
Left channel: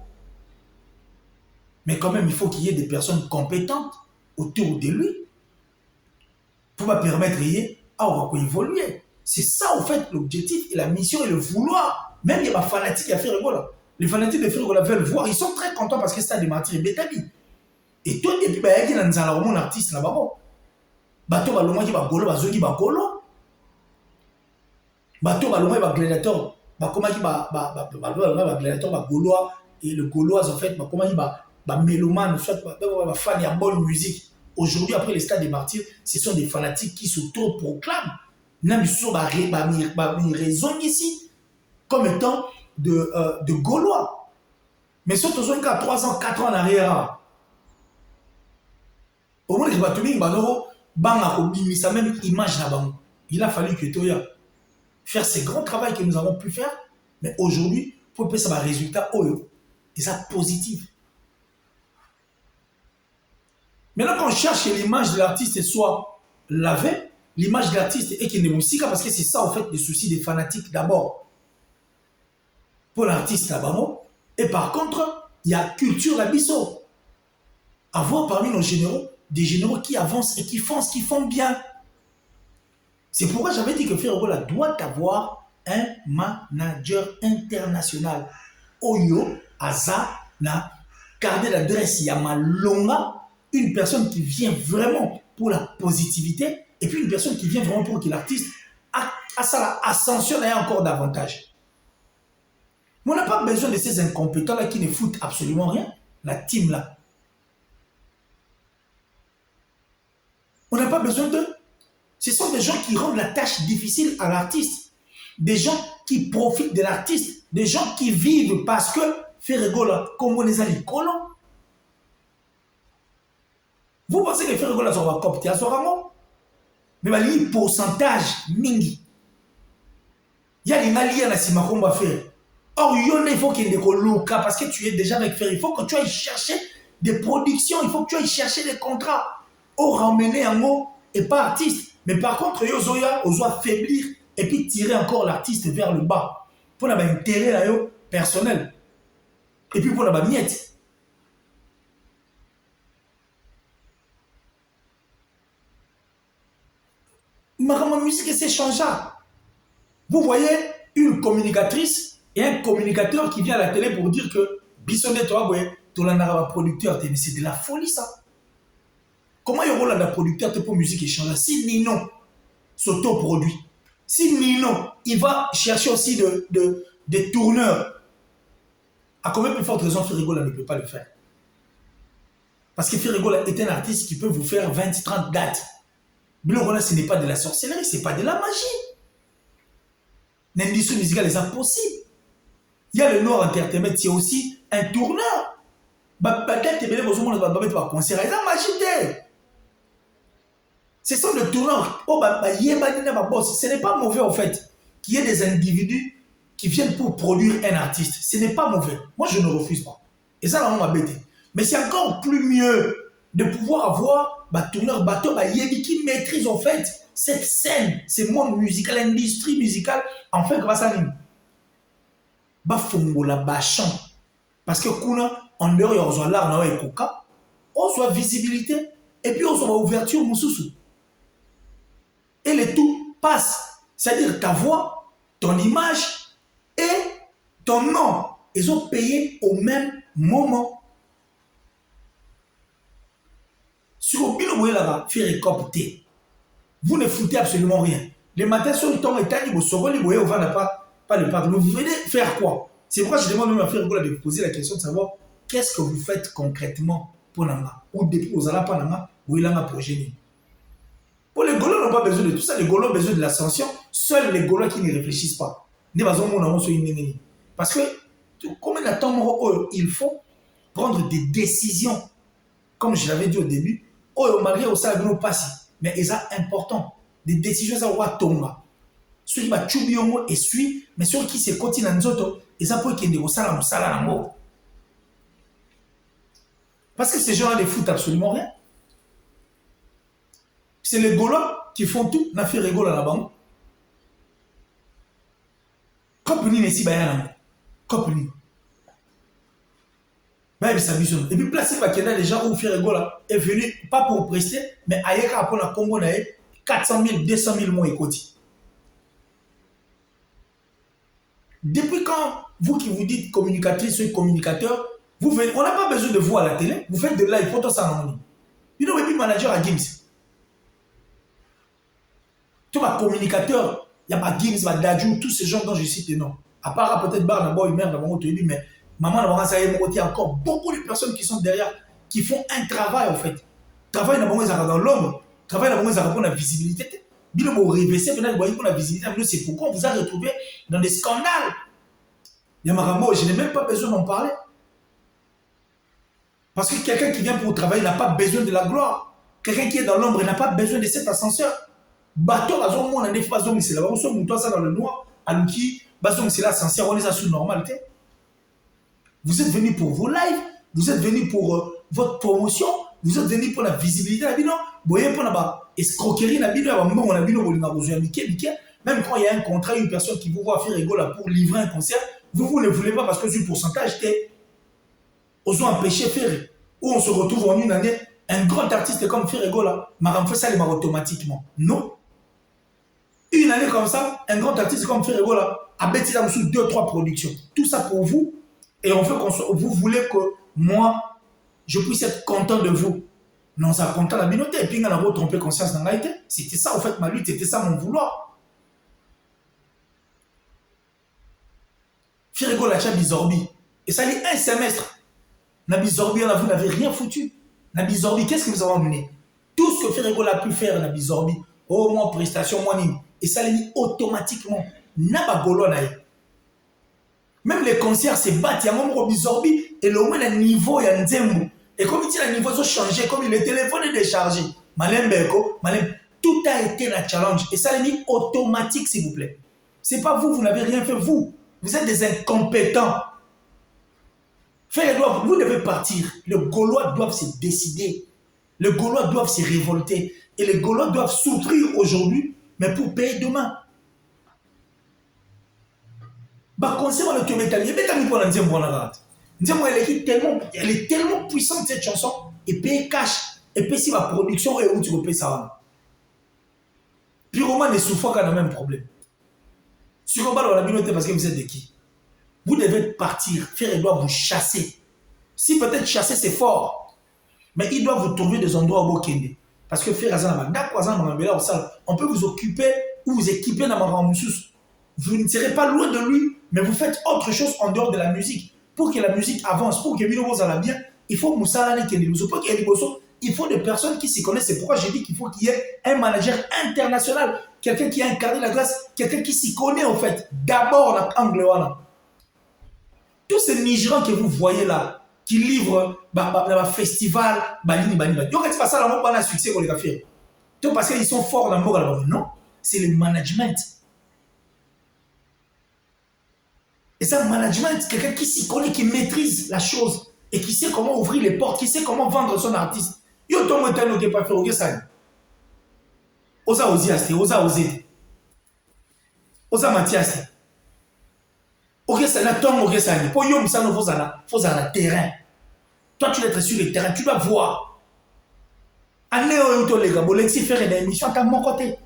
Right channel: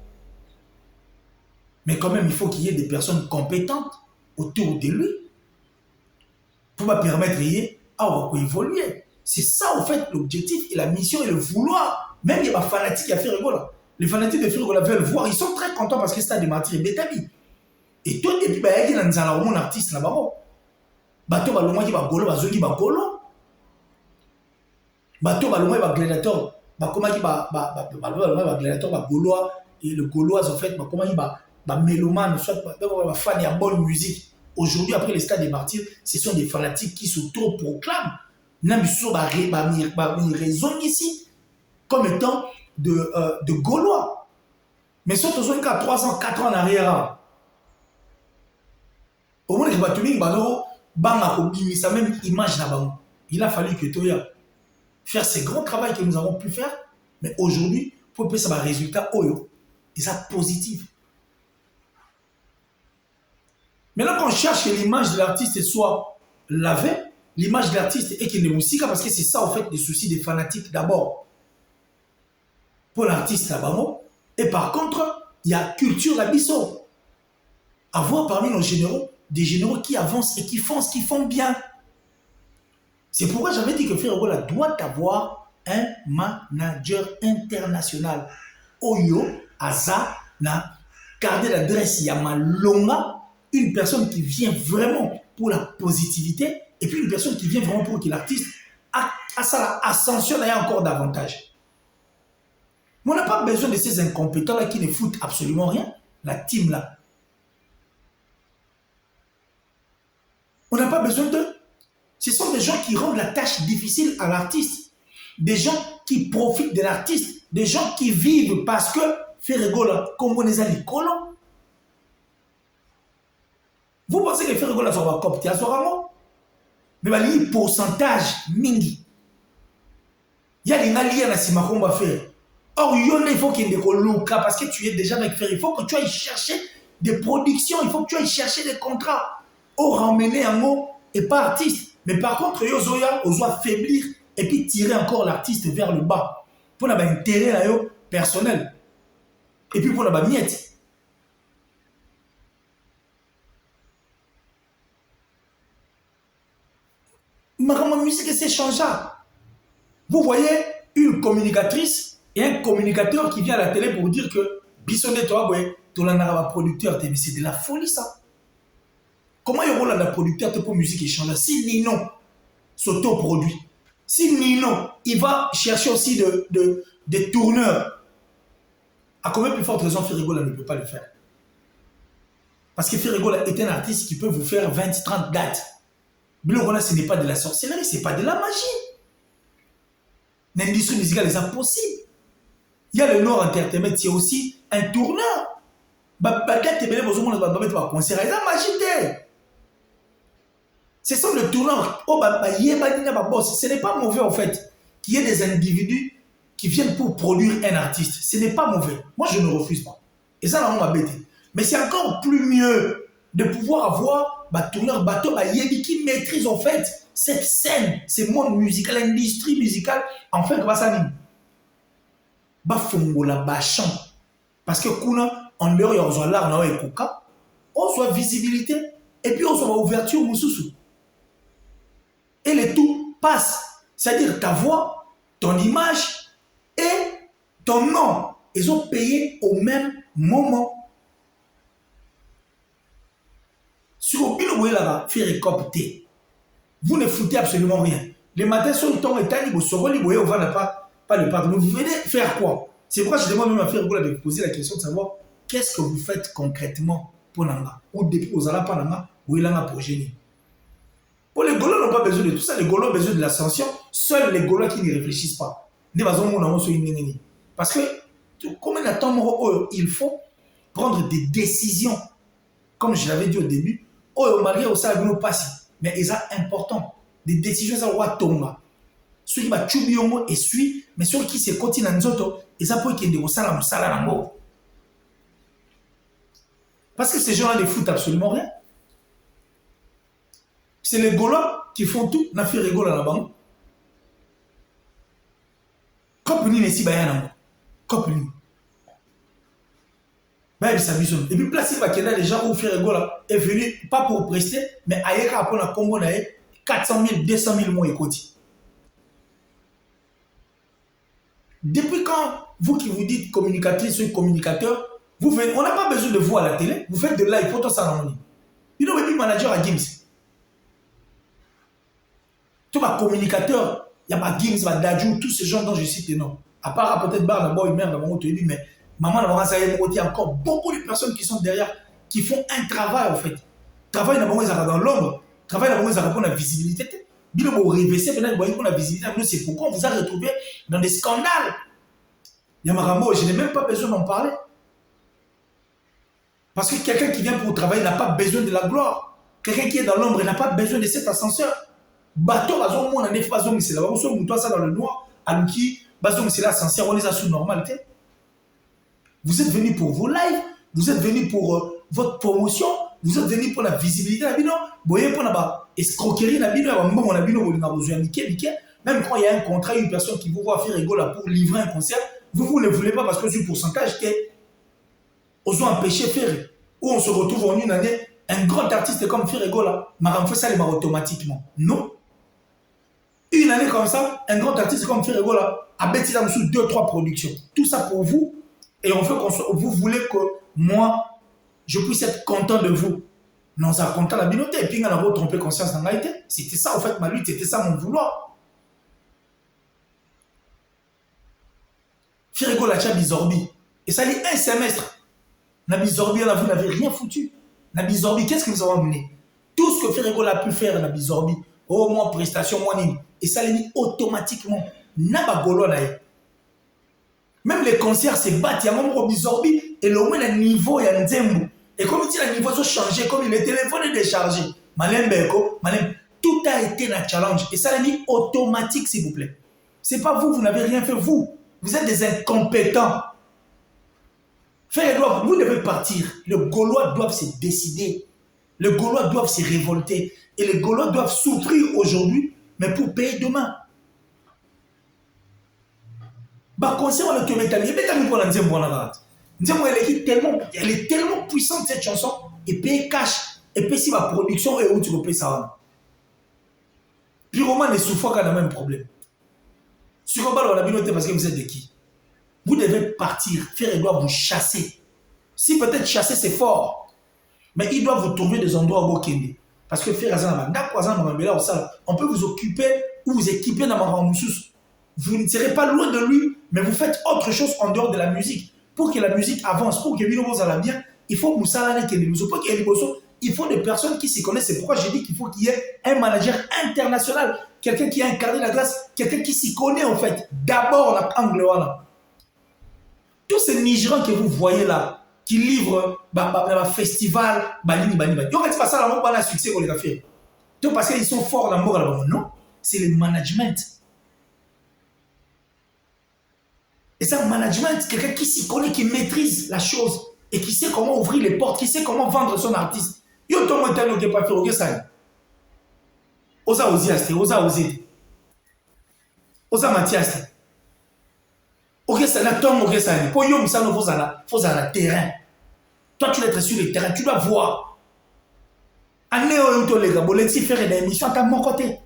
Mais quand même, il faut qu'il y ait des personnes compétentes autour de lui pour permettre à évoluer. C'est ça, en fait, l'objectif et la mission et le vouloir. Même il y a des fanatiques à faire rigolo. Les fanatiques de Firigola veulent voir. Ils sont très contents parce que c'est des martyrs bétabi. Et toi, depuis, il y a un artiste là-bas. Bateau, il y a un golo, il y a un golo. Bateau, il y a un gladiateur. Comment il y a un gladiateur, gaulois. Et le gaulois, en fait, comment il y a un mélomane, soit un fan de bonne musique. Aujourd'hui, après les stades des martyrs, ce sont des fanatiques qui s'auto-proclament. Même sur une raison ici, comme étant de Gaulois. Mais surtout, ils ont 3 ans, 4 ans en arrière. Au moins, les Batounis, ça même image là-bas. Il a fallu que Toya faire ces grands travaux que nous avons pu faire. Mais aujourd'hui, pour que ça ait un résultat, et ça positif. Maintenant, quand on cherche l'image de l'artiste soit lavée, l'image de l'artiste est qu'il est musique, parce que c'est ça, en fait, le souci des fanatiques d'abord. Pour l'artiste là-bas, et par contre, il y a culture à Bissau. Avoir parmi nos généraux, des généraux qui avancent et qui font ce qu'ils font bien. C'est pourquoi j'avais dit que Firigola doit avoir un manager international. Oyo, Aza, na carte d'adresse Yamalonga, une personne qui vient vraiment pour la positivité et puis une personne qui vient vraiment pour que l'artiste ascensionne encore davantage. Mais on n'a pas besoin de ces incompétents-là qui ne foutent absolument rien. La team là. On n'a pas besoin d'eux. Ce sont des gens qui rendent la tâche difficile à l'artiste. Des gens qui profitent de l'artiste. Des gens qui vivent parce que Firigola, comme on les a dit, colons. Vous pensez que Firigola sera copté à ce moment? Mais il y a un pourcentage mingi. Il y a des alliés à la Sima qu'on va faire. Or, il faut qu'il y ait des colocs parce que tu es déjà avec Ferry. Il faut que tu ailles chercher des productions, il faut que tu ailles chercher des contrats. Or, ramener un mot et pas artiste. Mais par contre, Yozoya, on doit affaiblir et puis tirer encore l'artiste vers le bas. Pour avoir un intérêt personnel. Et puis pour avoir miette. Ma musique, c'est changeable. Vous voyez une communicatrice et un communicateur qui vient à la télé pour dire que Bissonnet, toi, tu es un producteur. Mais c'est de la folie, ça. Comment il y aura un producteur pour musique échangeable? Si Nino s'autoproduit, si Nino, il va chercher aussi des tourneurs, à combien plus forte raison Firigola ne peut pas le faire? Parce que Firigola est un artiste qui peut vous faire 20-30 dates. Bilorona, ce n'est pas de la sorcellerie, ce n'est pas de la magie. L'industrie musicale est impossible. Il y a le Nord Entertainment, c'est aussi un tourneur. Ce sont des tourneurs. Ce n'est pas mauvais en fait qu'il y ait des individus qui viennent pour produire un artiste. Ce n'est pas mauvais. Moi, je ne refuse pas. Et ça, on m'a bêté. Mais c'est encore plus mieux de pouvoir avoir un tourneur bateau qui maîtrise en fait cette scène, ce monde musical, l'industrie musicale. En fait, ça dit parce que en leur il y a l'art et coca, on soit visibilité et puis on soit ouverture moussousou. Et le tout passe, c'est-à-dire ta voix, ton image et ton nom, ils ont payé au même moment. Sur le bureau là-bas, faire copter. Vous ne foutez absolument rien. Les matins sont le temps et quand vous saurez, vous ne pas le pardon. Vous venez faire quoi? C'est pourquoi je demande même à Firigola de poser la question de savoir qu'est-ce que vous faites concrètement pour Nanga. Ou depuis aux Alapa pour Nanga, ou il en a pour génie. Pour les Gaulois n'ont pas besoin de tout ça. Les Gaulois ont besoin de l'ascension. Seuls les Gaulois qui ne réfléchissent pas. Parce que, comme il faut prendre des décisions. Comme je l'avais dit au début, malgré ça, nous passe. Mais c'est important. Des décisions, ça va tomber. ceux qui va Chubiongo et suit, mais ceux qui se continuent dans Nzoto, et ça peut qu'il y ait des salles en mort. Parce que ces gens-là ne foutent absolument rien. C'est les Gaulois qui font tout, n'a fait rigolo là-bas. Compagnie ici, Bayana. Compagnie. Et puis, placé par les gens où Ferrego est venu, pas pour prester, mais ailleurs, après, on a Congo, 400 000, 200 000 mois écoute. Depuis quand, vous qui vous dites communicatrice ou communicateur, vous venez, on n'a pas besoin de vous à la télé, vous faites de live, photo ça en ligne. You know, maybe manager à Gims. Tu vois, communicateur, il y a pas Gims, il y a Dadju, tous ces gens dont je cite les noms. À part peut-être Barnabo, une mère dans mon dit, mais maman, il y a encore beaucoup de personnes qui sont derrière, qui font un travail en fait. Travail dans l'ombre, travail dans la visibilité. Bien que vous réveillez, pour la visibilité, c'est pourquoi on vous a retrouvé dans des scandales. Yamarambo, je n'ai même pas besoin d'en parler. Parce que quelqu'un qui vient pour travailler n'a pas besoin de la gloire. Quelqu'un qui est dans l'ombre n'a pas besoin de cet ascenseur. Bateau, on a des phases, c'est là-bas, on se ça dans le noir, Alouki, c'est l'ascenseur, on les a sous normalité. Vous êtes venus pour vos lives, vous êtes venus pour votre promotion, vous êtes venus pour la visibilité. Vous voyez, pour la escroquerie, même quand il y a un contrat, une personne qui vous voit faire rigolo pour livrer un concert, vous ne le voulez pas parce que ce pourcentage était aux empêchés de faire. Où on se retrouve en une année, un grand artiste comme Ferregola, Maram fait ça automatiquement. Non. Une année comme ça, un grand artiste comme Ferregola a bêté sous 2-3 productions. Tout ça pour vous. Et on fait vous voulez que moi, je puisse être content de vous. Non, ça content la binoté. Et puis, on a trompé conscience dans la tête. C'était ça, en fait, ma lutte. C'était ça, mon vouloir. Firigo la Bizorbi. Et ça dit un semestre. Nabizorbi, vous n'avez rien foutu. Nabizorbi, qu'est-ce que vous avez amené? Tout ce que Firigo a pu faire, Nabizorbi, au moins prestation, moins nime. Et ça l'a mis automatiquement. Nabagolo, même les concerts se battent, il y a un membre Bizorbi et le moins le niveau, il y a un zembo. Et comme il dit, le niveau a changé, comme le téléphone est déchargé. Tout a été un challenge. Et ça l'a mis automatique, s'il vous plaît. Ce n'est pas vous, vous n'avez rien fait, vous. Vous êtes des incompétents. Vous devez partir. Les Gaulois doivent se décider. Les Gaulois doivent se révolter. Et les Gaulois doivent souffrir aujourd'hui, mais pour payer demain. Bah, concernant le Théométali, elle est tellement puissante cette chanson, et paye cash, et puis si ma production est où tu peux ça. Puis Roman et Souffra a le même problème. Sur le bal, on a bien noté parce que vous êtes de qui? Vous devez partir, faire doit vous chasser. Si peut-être chasser c'est fort, mais il doit vous trouver des endroits où vous kende. Parce que faire on peut vous occuper ou vous équiper dans ma moussous. Vous ne serez pas loin de lui, mais vous faites autre chose en dehors de la musique. Pour que la musique avance, pour que Bino aille bien, il faut Moussa Kende. Il faut des personnes qui s'y connaissent. C'est pourquoi j'ai dit qu'il faut qu'il y ait un manager international, quelqu'un qui a incarné la classe, quelqu'un qui s'y connaît en fait. D'abord, la Angleterre. Tous ces Nigérians que vous voyez là, qui livrent un festival, Balini. Ils ont fait ça, là, succès pour les affaires. Tout parce qu'ils sont forts dans le monde là-bas. Non, c'est le management. Et ça, le management, quelqu'un qui s'y connaît, qui maîtrise la chose et qui sait comment ouvrir les portes, qui sait comment vendre son artiste. Yo, tout le monde n'a pas fait ça. Osa osé, osa osé. Osa Mathias. Ok, ça n'a pas ok, ça n'a pas. Yo, ça ne faut ça terrain. Toi, tu dois être sur le terrain, tu dois voir. Allez, on les gars, si faire des émissions à mon côté.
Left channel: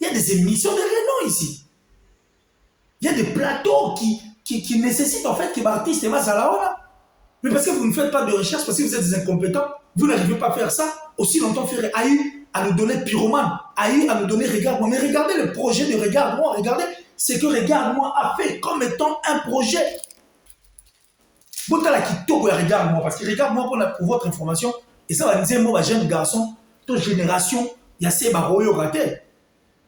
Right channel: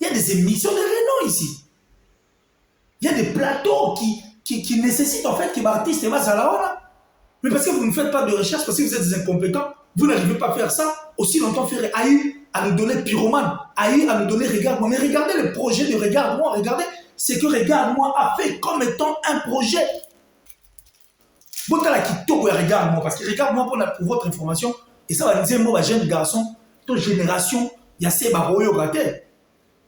Il y a des émissions de renom ici. Il y a des plateaux qui nécessitent en fait que l'artiste va à la hora. Mais parce que vous ne faites pas de recherche, parce que vous êtes des incompétents, vous n'arrivez pas à faire ça. Aussi longtemps, faire Aïe à nous donner Pyromane, Aïe à nous donner Regarde-moi. Mais regardez le projet de Regarde-moi, regardez ce que Regarde-moi a fait comme étant un projet. Bon, là qui toque Regarde-moi, parce que Regarde-moi pour votre information, et ça va dire, moi, jeune garçon, toute génération, il y a ces baroyos ratés.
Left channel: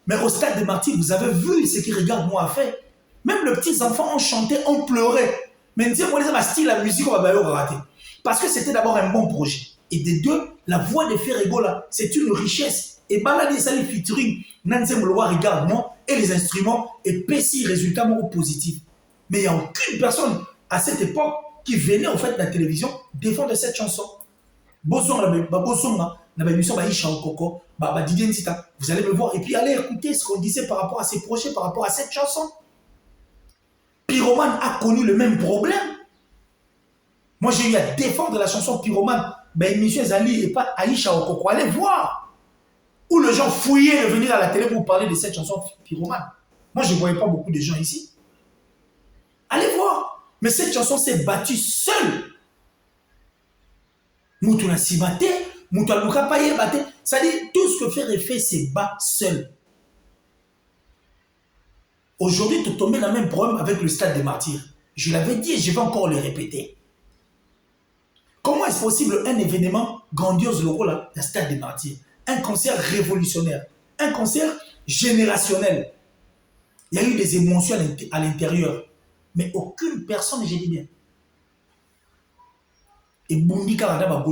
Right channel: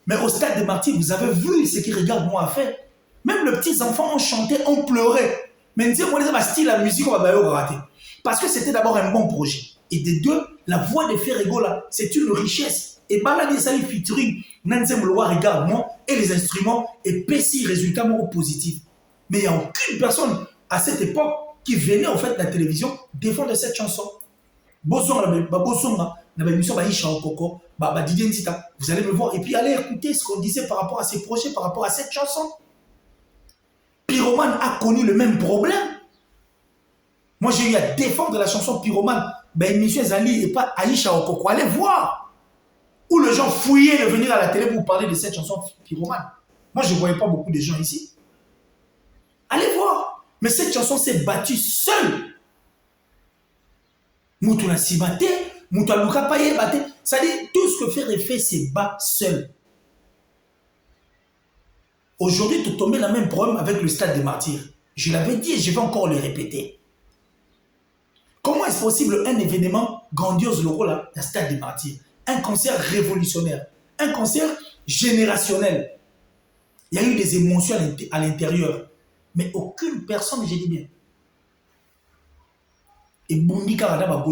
Mais au stade de Martyrs, vous avez vu ce que Regarde-moi a fait. Même les petits enfants ont chanté, ont pleuré. Mais dire, moi, les style la musique, on va rater. Parce que c'était d'abord un bon projet. Et des deux, la voix de Ferrego là, c'est une richesse. Et Balade Sali featuring Nanzem Loa regarde moi et les instruments et PC résultat positif. Mais il n'y a aucune personne à cette époque qui venait en fait de la télévision défendre cette chanson. Bosonga, vous allez me voir et puis allez écouter ce qu'on disait par rapport à ces projets, par rapport à cette chanson. Pyromane a connu le même problème. Moi, j'ai eu à défendre la chanson Pyromane. Ben, M. Zali et pas Aïcha Okoko. Allez voir. Où les gens fouillaient de venir à la télé pour parler de cette chanson Pyromane. Moi, je ne voyais pas beaucoup de gens ici. Allez voir. Mais cette chanson s'est battue seule. Moutouna Sibate, Moutouna Luka Paye Bate. C'est-à-dire, tout ce que fait c'est bat seul. Aujourd'hui, tu tombes dans le même problème avec le Stade des Martyrs. Je l'avais dit et je vais encore le répéter. Comment est-ce possible un événement grandiose, le rôle là, le Stade des Martyrs? Un concert révolutionnaire, un concert générationnel. Il y a eu des émotions à l'intérieur, mais aucune personne, j'ai dit bien. Et Bundi Karana,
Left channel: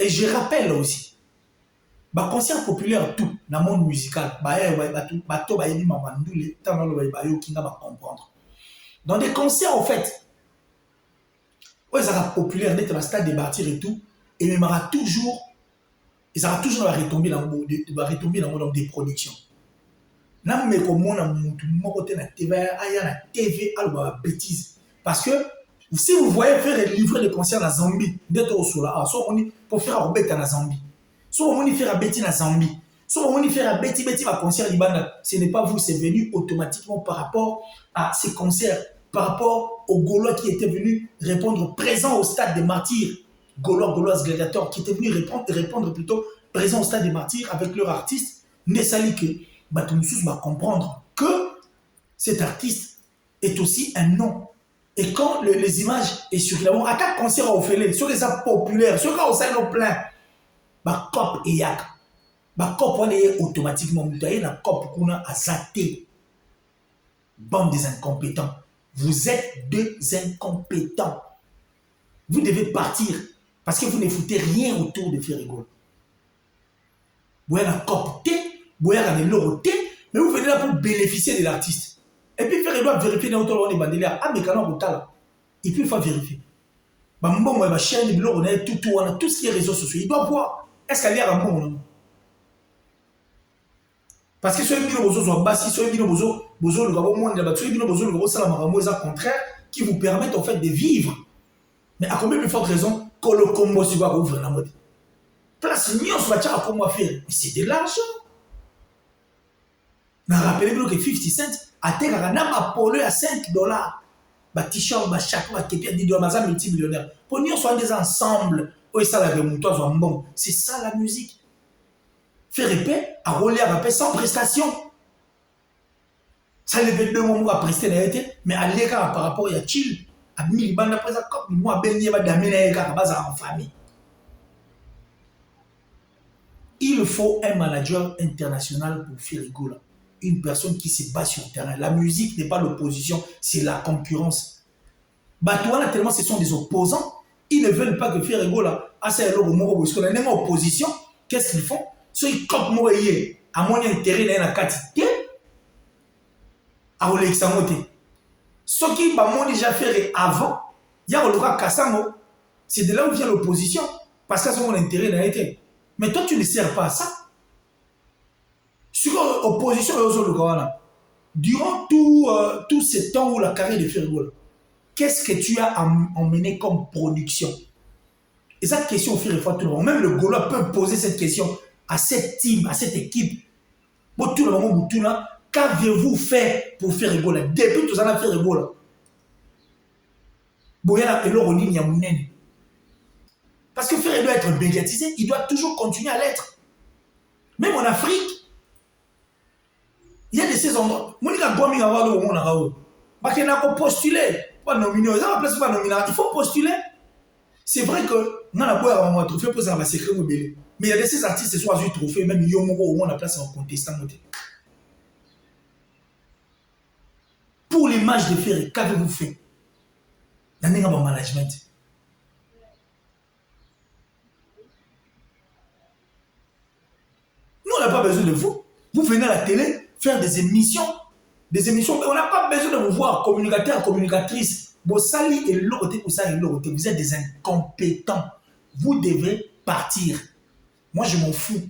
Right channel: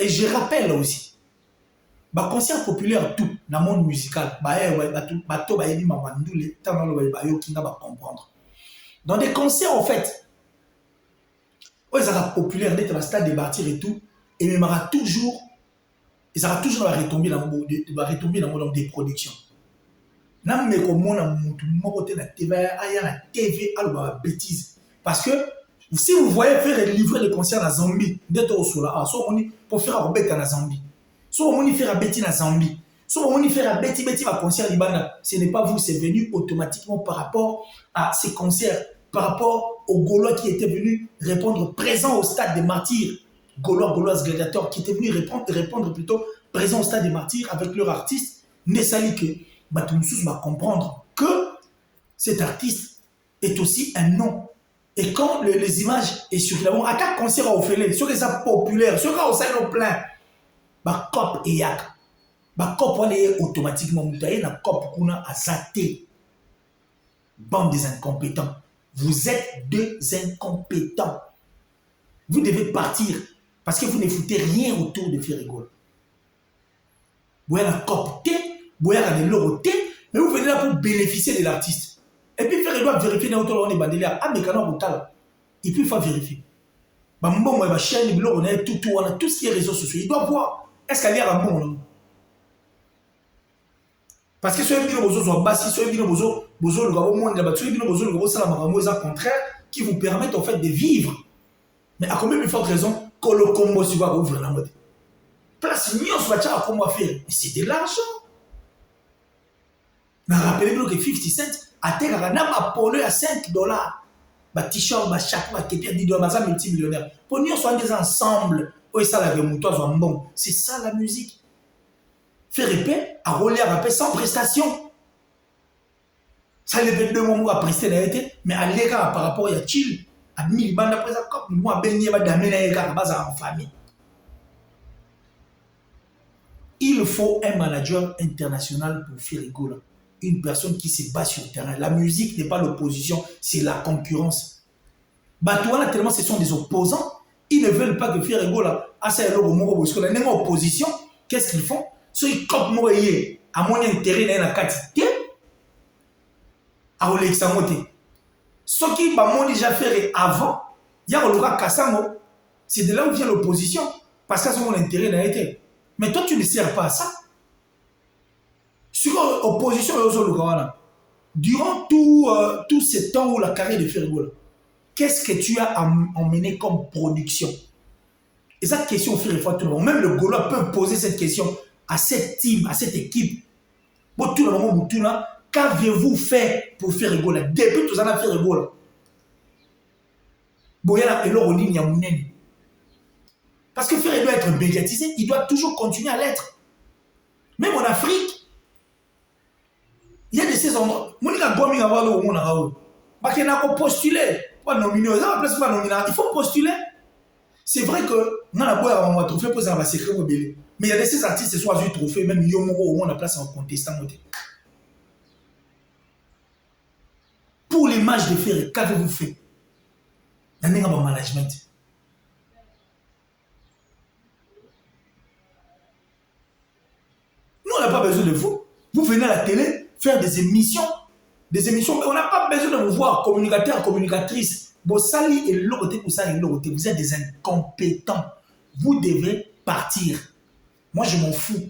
et je rappelle aussi, le concert populaire, tout, dans le monde musical, dans des concerts, en fait, ils sont populaires, dans le Stade des Martyrs et tout, et il y aura toujours la retombée dans des productions. Même si on a la TV, la bêtise. Parce que si vous voyez faire livrer les concerts à Zambie, pour faire un bête à la Zambie, soit on fait un bêtise à Zambie, soit on fait un bêtise à concert Libana, ce n'est pas vous, c'est venu automatiquement par rapport à ces concerts, par rapport aux Gaulois qui étaient venus répondre présents au Stade des Martyrs. Gaulois gladiateurs qui étaient venus répondre plutôt présents au Stade des Martyrs avec leur artiste, Nessali que Batumsous va comprendre que cet artiste est aussi un nom. Et quand les images est sur à quatre concerts au Félé, sur les apps populaires, sur les salons pleins, bah cop et yak, bah cop on est automatiquement mutaé, la cop qu'on a zaté. Bande des incompétents. Vous êtes des incompétents. Vous devez partir. Parce que vous ne foutez rien autour de Ferrego. Vous avez la copté, vous avez l'euro, mais vous venez là pour bénéficier de l'artiste. Et puis Ferrego doit vérifier dans le bandelier. Ah, mais quand on a et puis il faut vérifier. Tout ce qui est réseaux sociaux, il doit voir. Est-ce qu'elle est un bon? Parce que ceux qui sont bassi, ceux qui sont contraire, qui vous permettent en fait de vivre. Mais à combien de fortes raisons que le combo se va ouvrir la mode? Place million soit à comment faire. Mais c'est de l'argent. Mais rappelez-vous que 50 Cent a été à 5 $. Bah t-shirt, bah chaque bah qui est dit de ma multimillionnaire. Pour nous soit des ensembles. Oui ça la remontoise soit bon. C'est ça la musique. Faire épée, à rouler à rapper sans prestation. Ça ne veut pas moi à prester l'été, mais à l'égard par rapport à chill. À 1000 bandes après ça, comme moi, béni, va d'amener à base en famille. Il faut un manager international pour faire rigolo. Une personne qui se bat sur le terrain. La musique n'est pas l'opposition, c'est la concurrence. Batouana, tellement ce sont des opposants, ils ne veulent pas que faire rigolo. Ah, c'est le mot, parce qu'on est même en opposition. Qu'est-ce qu'ils font? Ceux qui copent moi, à mon intérêt, dans la quantité, à Olexamote. Ce qui m'a déjà fait avant, il y a le Kassamo, c'est de là où vient l'opposition, parce que c'est mon intérêt n'a été. Mais toi, tu ne sers pas à ça. Sur l'opposition, durant tout ce temps où la carrière de Ferrego, qu'est-ce que tu as emmené comme production? Et cette question fait réfléchir tout le monde. Même le Gaulois peut poser cette question à cette team, à cette équipe. Bon, tout le monde, qu'avez-vous fait pour faire rigoler? Depuis tout ça, on a fait rigoler. Parce que faire doit être médiatisé, il doit toujours continuer à l'être. Même en Afrique, il y a de ces endroits. Il faut postuler. C'est vrai que on a un trophée pour ça, c'est très mobile. Mais il y a de ces artistes qui sont à trophée, même Yomoro, on a place en contestant. Pour l'image de Ferré, qu'avez-vous fait? Il y a un management. pas besoin de vous. Vous venez à la télé faire des émissions. Des émissions, mais on n'a pas besoin de vous voir, communicateur, communicatrice. Bossali et l'autre, vous êtes des incompétents. Vous devez partir. Moi, je m'en fous.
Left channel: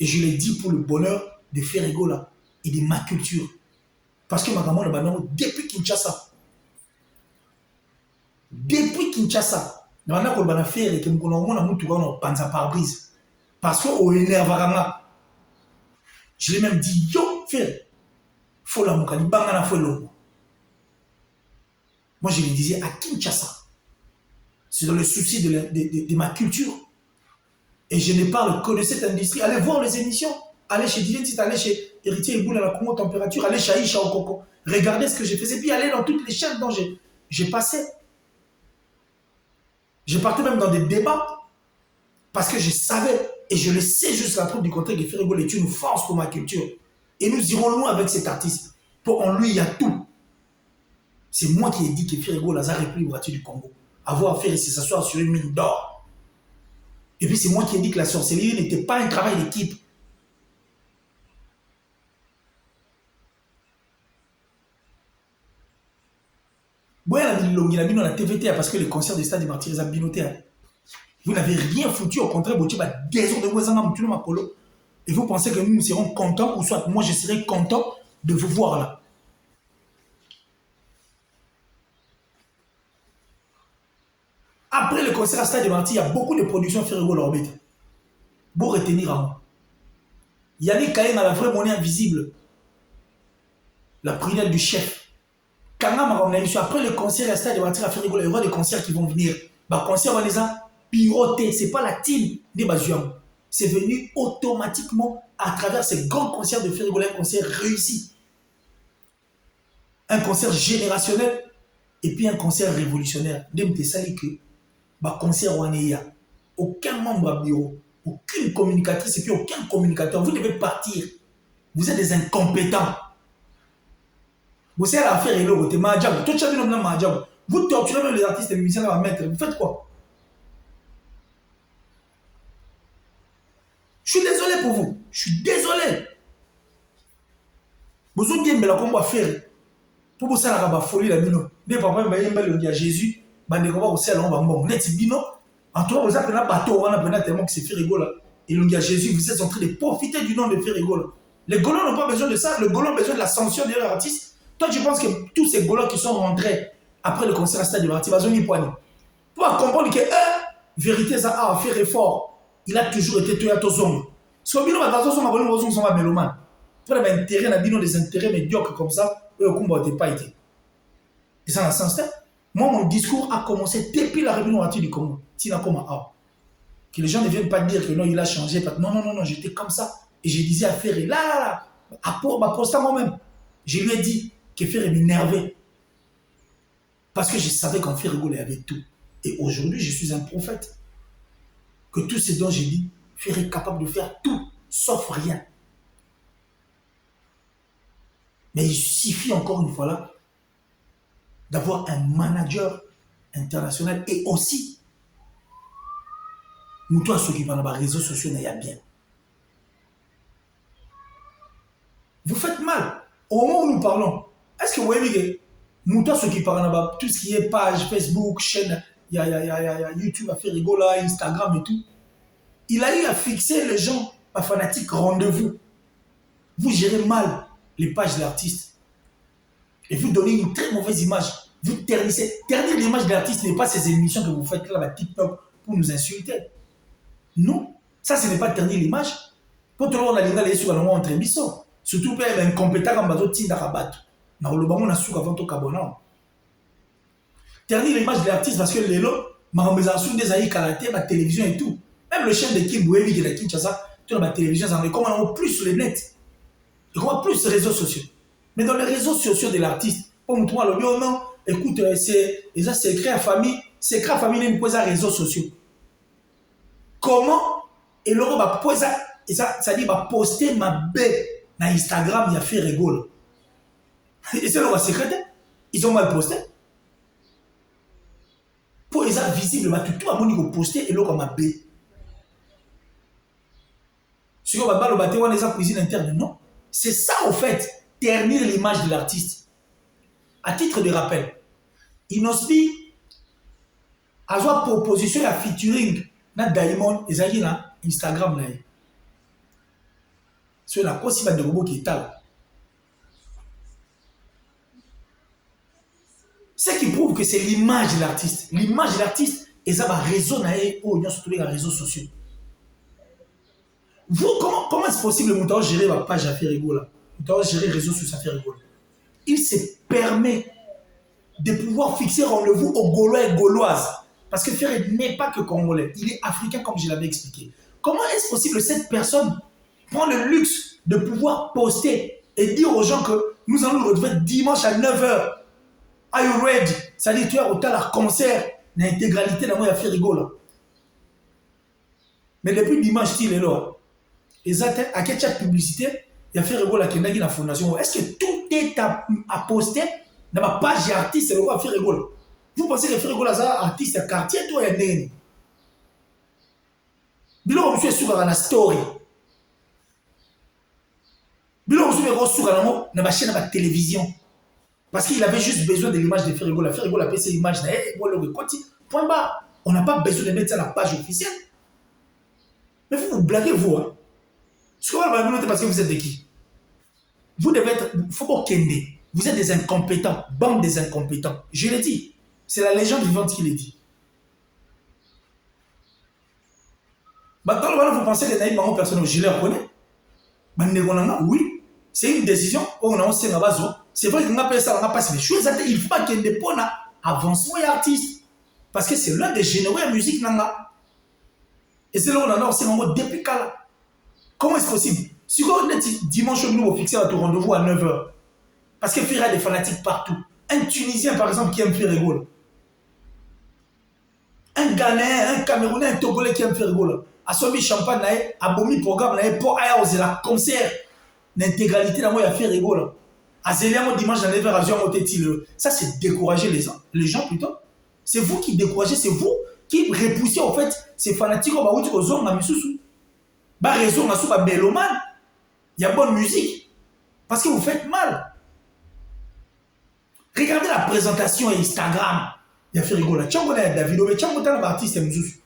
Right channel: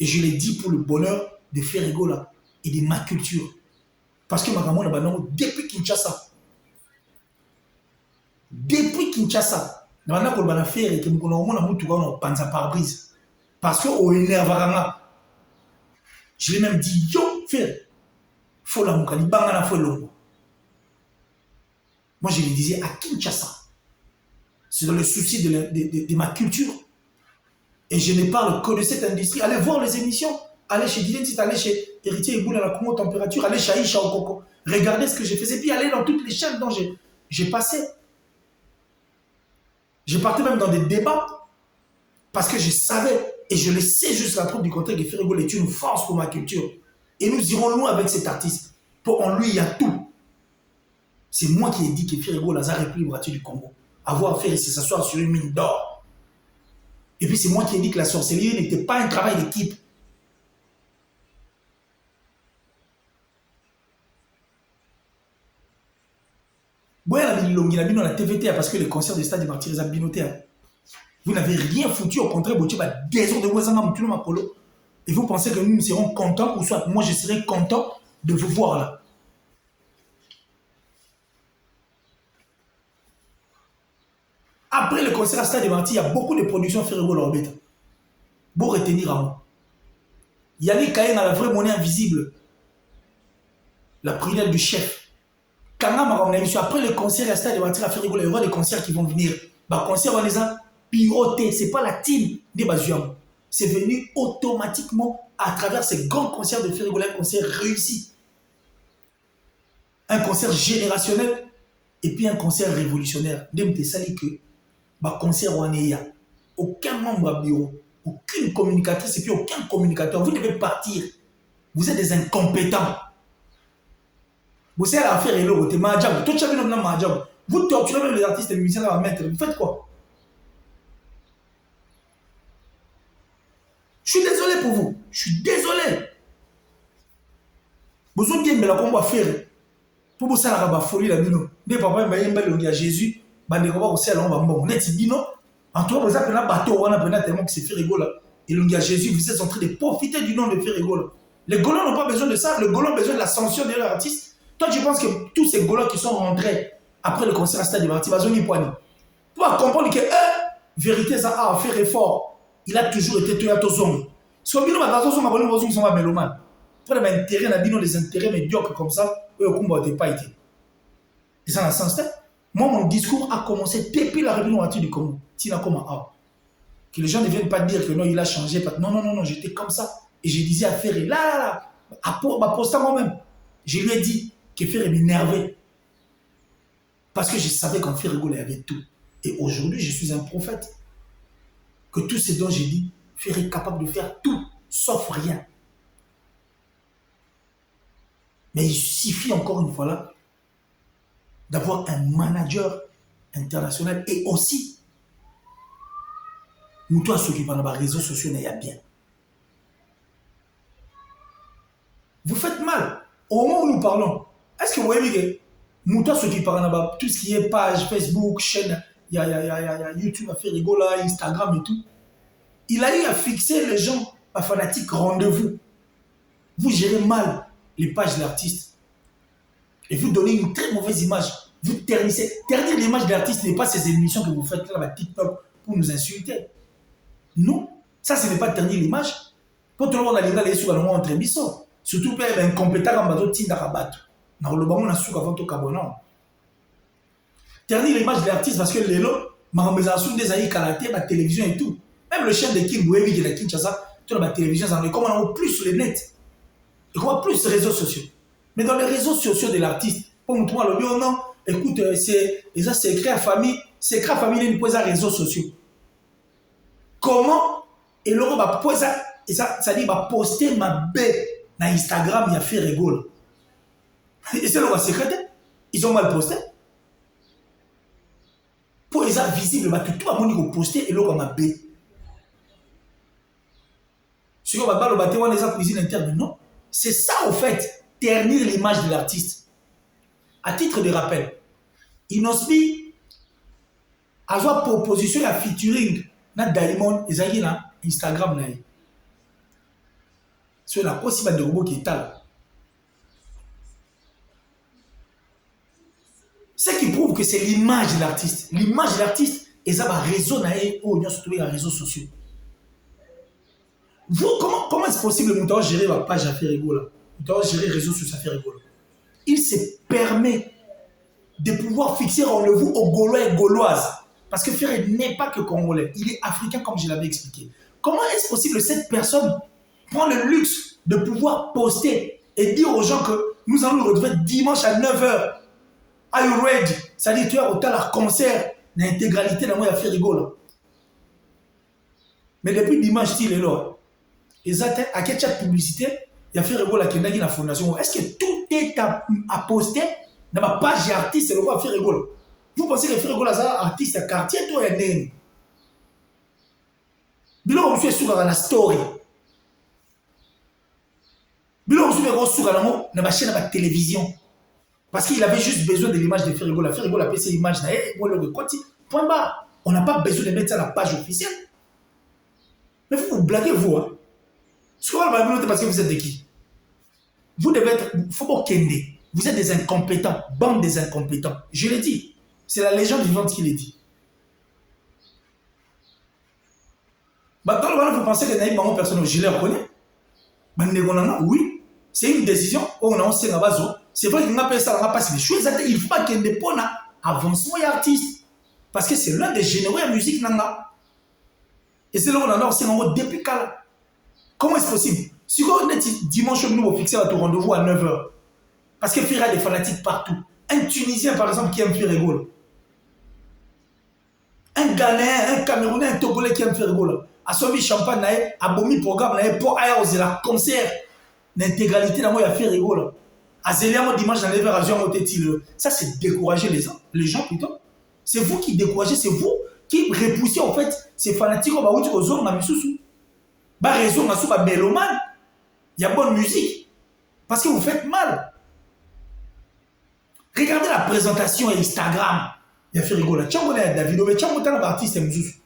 Et je l'ai dit pour le bonheur de Ferrego là et de ma culture. Parce que Magamon Abano, depuis Kinshasa, dans la Kolbana Ferre, que nous avons tout panza pare-brise. Parce qu'on énerve vraiment. Je l'ai même dit, yo, Ferre, faut la moukani, bangana faut l'eau. Moi, je le disais à Kinshasa. C'est dans le souci de ma culture. Et je ne parle que de cette industrie. Allez voir les émissions. Allez chez Diletit, allez chez Héritier Iboul à la Congo Température, allez chez Aïcha au Coco. Regardez ce que j'ai fait. Et puis allez dans toutes les chaînes dont j'ai passé. J'ai parti même dans des débats. Parce que je savais, et je le sais jusqu'à la preuve du contraire, que Ferrego est une force pour ma culture. Et nous irons loin avec cet artiste. Pour en lui, il y a tout. C'est moi qui ai dit que Ferrego Lazare est plus gratuit du Congo. Avoir fait s'asseoir sur une mine d'or. Et puis c'est moi qui ai dit que la sorcellerie n'était pas un travail d'équipe. Bon, il a mis dans la TVT parce que les concerts des stades des martyrs ont binoté. Vous n'avez rien foutu, au contraire, vous avez des heures de voisin, et vous pensez que nous serons contents, ou soit moi je serai content de vous voir là. Après le concert à Stade des Martyrs, il y a beaucoup de productions Ferrego Lorbet. Pour retenir à moi. Il y avait quand même la vraie monnaie invisible. La prière du chef. Après le concert à Stade des Martyrs à Ferrego, il y aura des concerts qui vont venir. Les concerts, on les a pilotés. Ce n'est pas la team des Bazuam. C'est venu automatiquement à travers ces grands concerts de Ferrego, un concert réussi. Un concert générationnel et puis un concert révolutionnaire. Même te sali que concert waneya, aucun membre à bureau, aucune communicatrice et puis aucun communicateur. Vous devez partir. Vous êtes des incompétents. Vous savez l'affaire est là, vous torturez les artistes et les musiciens à mettre. Vous faites quoi? Je suis désolé pour vous. Je suis désolé. Vous avez dit, mais là, comment on va faire? Pour vous, ça la folie, la bino. Des papas, il y a Jésus. On est bino. En tout cas, vous avez un bateau, on a tellement que c'est Ferrego là. Et il y a Jésus, vous êtes en train de profiter du nom de Ferrego. Les Gaulois n'ont pas besoin de ça. Les Gaulois ont besoin de la sanction de leur artiste. Toi, tu penses que tous ces Gaulois qui sont rentrés après le concert à Stade des Martyrs, ils ont mis poignée. Pour comprendre que, vérité, ça a fait effort. Il a toujours été tué à tous les hommes. Si on a ils sont pas mélomanes. Pour les intérêts, des intérêts médiocres comme ça, eux, au combat, n'ont pas été. Et ça, dans ce sens-là, moi, mon discours a commencé depuis la réunion du Congo. Que les gens ne viennent pas dire que non, il a changé. Non, j'étais comme ça. Et je disais à Ferré, là, à poster moi-même. Je lui ai dit que Ferré m'énervait. Parce que je savais qu'en Ferrego, il y avait tout. Et aujourd'hui, je suis un prophète. Que tout ce dont j'ai dit, Ferré est capable de faire tout, sauf rien. Mais il suffit encore une fois là d'avoir un manager international et aussi nous tous ceux qui parlent dans les réseaux sociaux n'est bien. Vous faites mal. Au moment où nous parlons, est-ce que vous voyez que nous tous ceux qui parlent dans tout ce qui est page, Facebook, chaîne, il y a YouTube à Ferrego là, Instagram et tout, il a eu à fixer les gens à fanatique rendez-vous. Vous gérez mal les pages de l'artiste. Et vous donnez une très mauvaise image. Vous ternissez. Ternir l'image de l'artiste n'est pas ces émissions que vous faites là, TikTok, pour nous insulter. Non. Ça, ce n'est pas ternir l'image. Quand on a les gars, les sous, on entre émissions. Surtout pour être incompétent comme bateau, t'in rabattre. Dans le moment, on a sous avant tout cabonant. Ternir l'image de l'artiste parce que les lots, ma remédiation des aïe karaté, la télévision et tout. Même le chef de King Bouévi qui est la Kinshasa, tu as la télévision, ça comment on a plus sur les nets. Et comment plus sur les réseaux sociaux. Mais dans les réseaux sociaux de l'artiste, pour me trouver le bio, non, écoute, c'est écrit à famille, c'est écrit à famille, il y a une réseaux sociaux. Comment et l'euro va poser et ça dit va poster ma bête dans Instagram, il a fait rigolo. Et c'est le secrétaire, ils ont mal posté. Pour les visible, tout le monde poster et l'euro ma bête. Si on va le on les a cuisine interne. Non. C'est ça, au fait, ternir l'image de l'artiste. À titre de rappel, Inospi a joué proposition à featuring na Diamond et Zagi na Instagram na. Sur la possible de robot qui est là. Ce qui prouve que c'est l'image de l'artiste. L'image de l'artiste, et ça va réseau ou sur tous les réseaux sociaux. Vous, comment est-ce possible que vous gérer la page à faire rigolo? Vous gérer les réseaux sociaux à faire rigolo. Il se permet de pouvoir fixer rendez-vous aux Gaulois et Gauloises. Parce que Ferré n'est pas que Congolais, il est africain comme je l'avais expliqué. Comment est-ce possible que cette personne prend le luxe de pouvoir poster et dire aux gens que nous allons le retrouver dimanche à 9h? Are you ready? C'est-à-dire tu as autant la concert, l'intégralité dans moi, il a fait rigolo. Mais depuis dimanche, il est là. Et ça, à quelle publicité, il a fait rigolo avec la fondation. Est-ce que tout est à poster dans ma page artiste, c'est le quoi faire rigolo? Vous pensez que faire rigolo, c'est un artiste quartier, toi, et né? Bilo, on suit sur la story. Bilo, on suit sur la chaîne de la télévision. Parce qu'il avait juste besoin de l'image de Ferrigo. La Ferrigo a fait cette image. Point barre. On n'a pas besoin de mettre ça à la page officielle. Mais vous blaguez, vous. Hein. Ce qu'on va noter parce que vous êtes de qui? Vous devez être. Il faut pas kende. Vous êtes des incompétents. Bande des incompétents. Je l'ai dit. C'est la légende vivante qui l'a dit. Maintenant, vous pensez que les gens personnels, je les reconnais. Oui. C'est une décision. On a aussi la base. C'est vrai qu'on appelle ça, on n'a pas les choses. Il faut qu'il y ait des points avancement et artistes. Parce que c'est l'un des généraux de la musique. Et c'est là où on en a aussi un depuis là. Comment est-ce possible? Si on est dimanche, nous, on fixe notre rendez-vous à 9h. Parce qu'il y a des fanatiques partout. Un Tunisien, par exemple, qui aime faire rigolo. Un Ghanéen, un Camerounais, un Togolais qui aime faire rigolo. À Somi Champagne, à Bomi Programme, pour aller la concert, l'intégralité, il a fait rigolo. À Zélémo dimanche, j'allais vers Azure Motetile. Ça, c'est décourager les gens plutôt. C'est vous qui découragez, c'est vous qui repoussez en fait ces fanatiques aux zones dans Missoussou. Bah, raison, on a mélomane. Il y a bonne musique. Parce que vous faites mal. Regardez la présentation Instagram. Il y a fait rigoler. Tiens, on est David, mais tiens, on est un artiste Missoussou.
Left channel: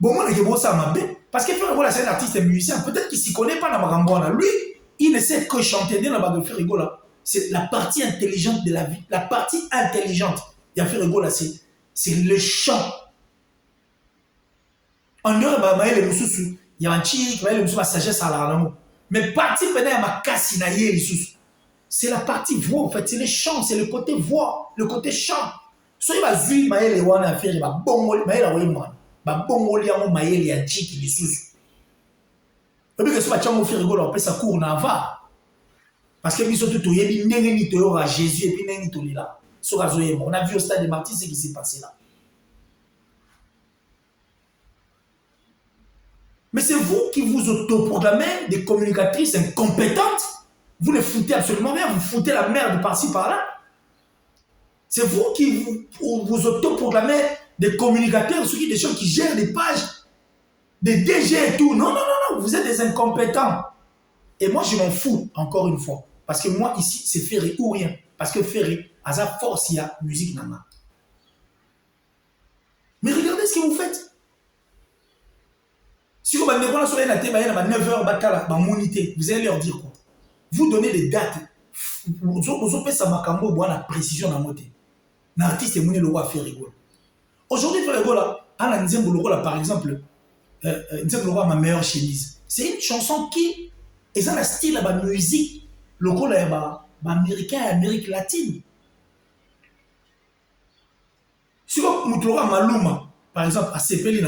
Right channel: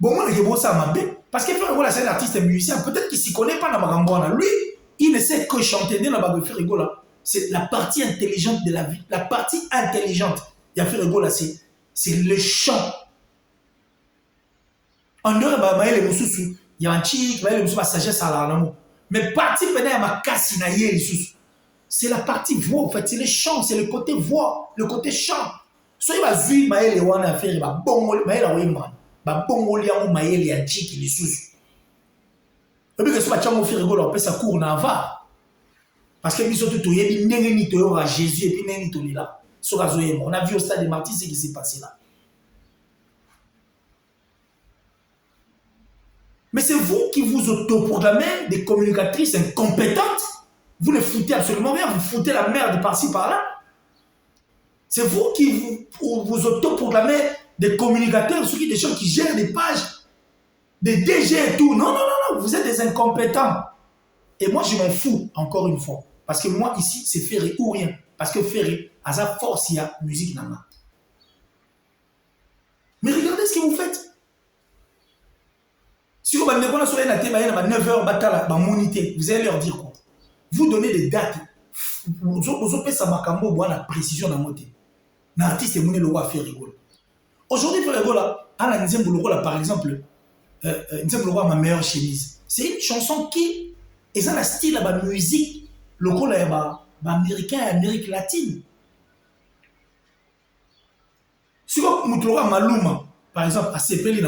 Bon, moi, je vois ça m'a bien. Parce que c'est un artiste musicien. Peut-être qu'il ne s'y connaît pas dans Marambona. Lui, il ne sait que chanter dans la de Férigo. C'est la partie intelligente de la vie. La partie intelligente de Férigo, c'est le chant. En Europe, il y a un chic, il y a une sagesse à la. Mais partie à ma casse, c'est la partie voix, en fait. C'est le chant, c'est le côté voix, le côté chant. Soit il va zuir, il va faire, il va bon, il va bon, il y a un chic, il est sous. Et puis que ce soit un Férigo, on peut ça court en avant. Parce que nous sommes tous les gens à Jésus et puis nous sommes là. On a vu au stade de Martyrs ce qui s'est passé là. Mais c'est vous qui vous autoproclamez des communicatrices incompétentes. Vous ne foutez absolument rien, vous foutez la merde par-ci par-là. C'est vous qui vous autoproclamez des communicateurs, des gens qui gèrent des pages, des DG et tout. Non, vous êtes des incompétents. Et moi, je m'en fous, encore une fois. Parce que moi, ici, c'est Ferré ou rien. Parce que Ferré, à sa force, il y a musique dans ma. Mais regardez ce que vous faites. Si vous avez 9h, vous allez leur dire quoi? Vous donnez des dates. Vous avez ça la précision dans mon thé. L'artiste est venu le voir faire rigolo. Aujourd'hui, faire rigolo, à par exemple, ma meilleure chemise. C'est une chanson qui est dans le style de la musique. Le rôle est américain et Amérique latine. Si vous avez Maluma, par exemple, à Sepeli,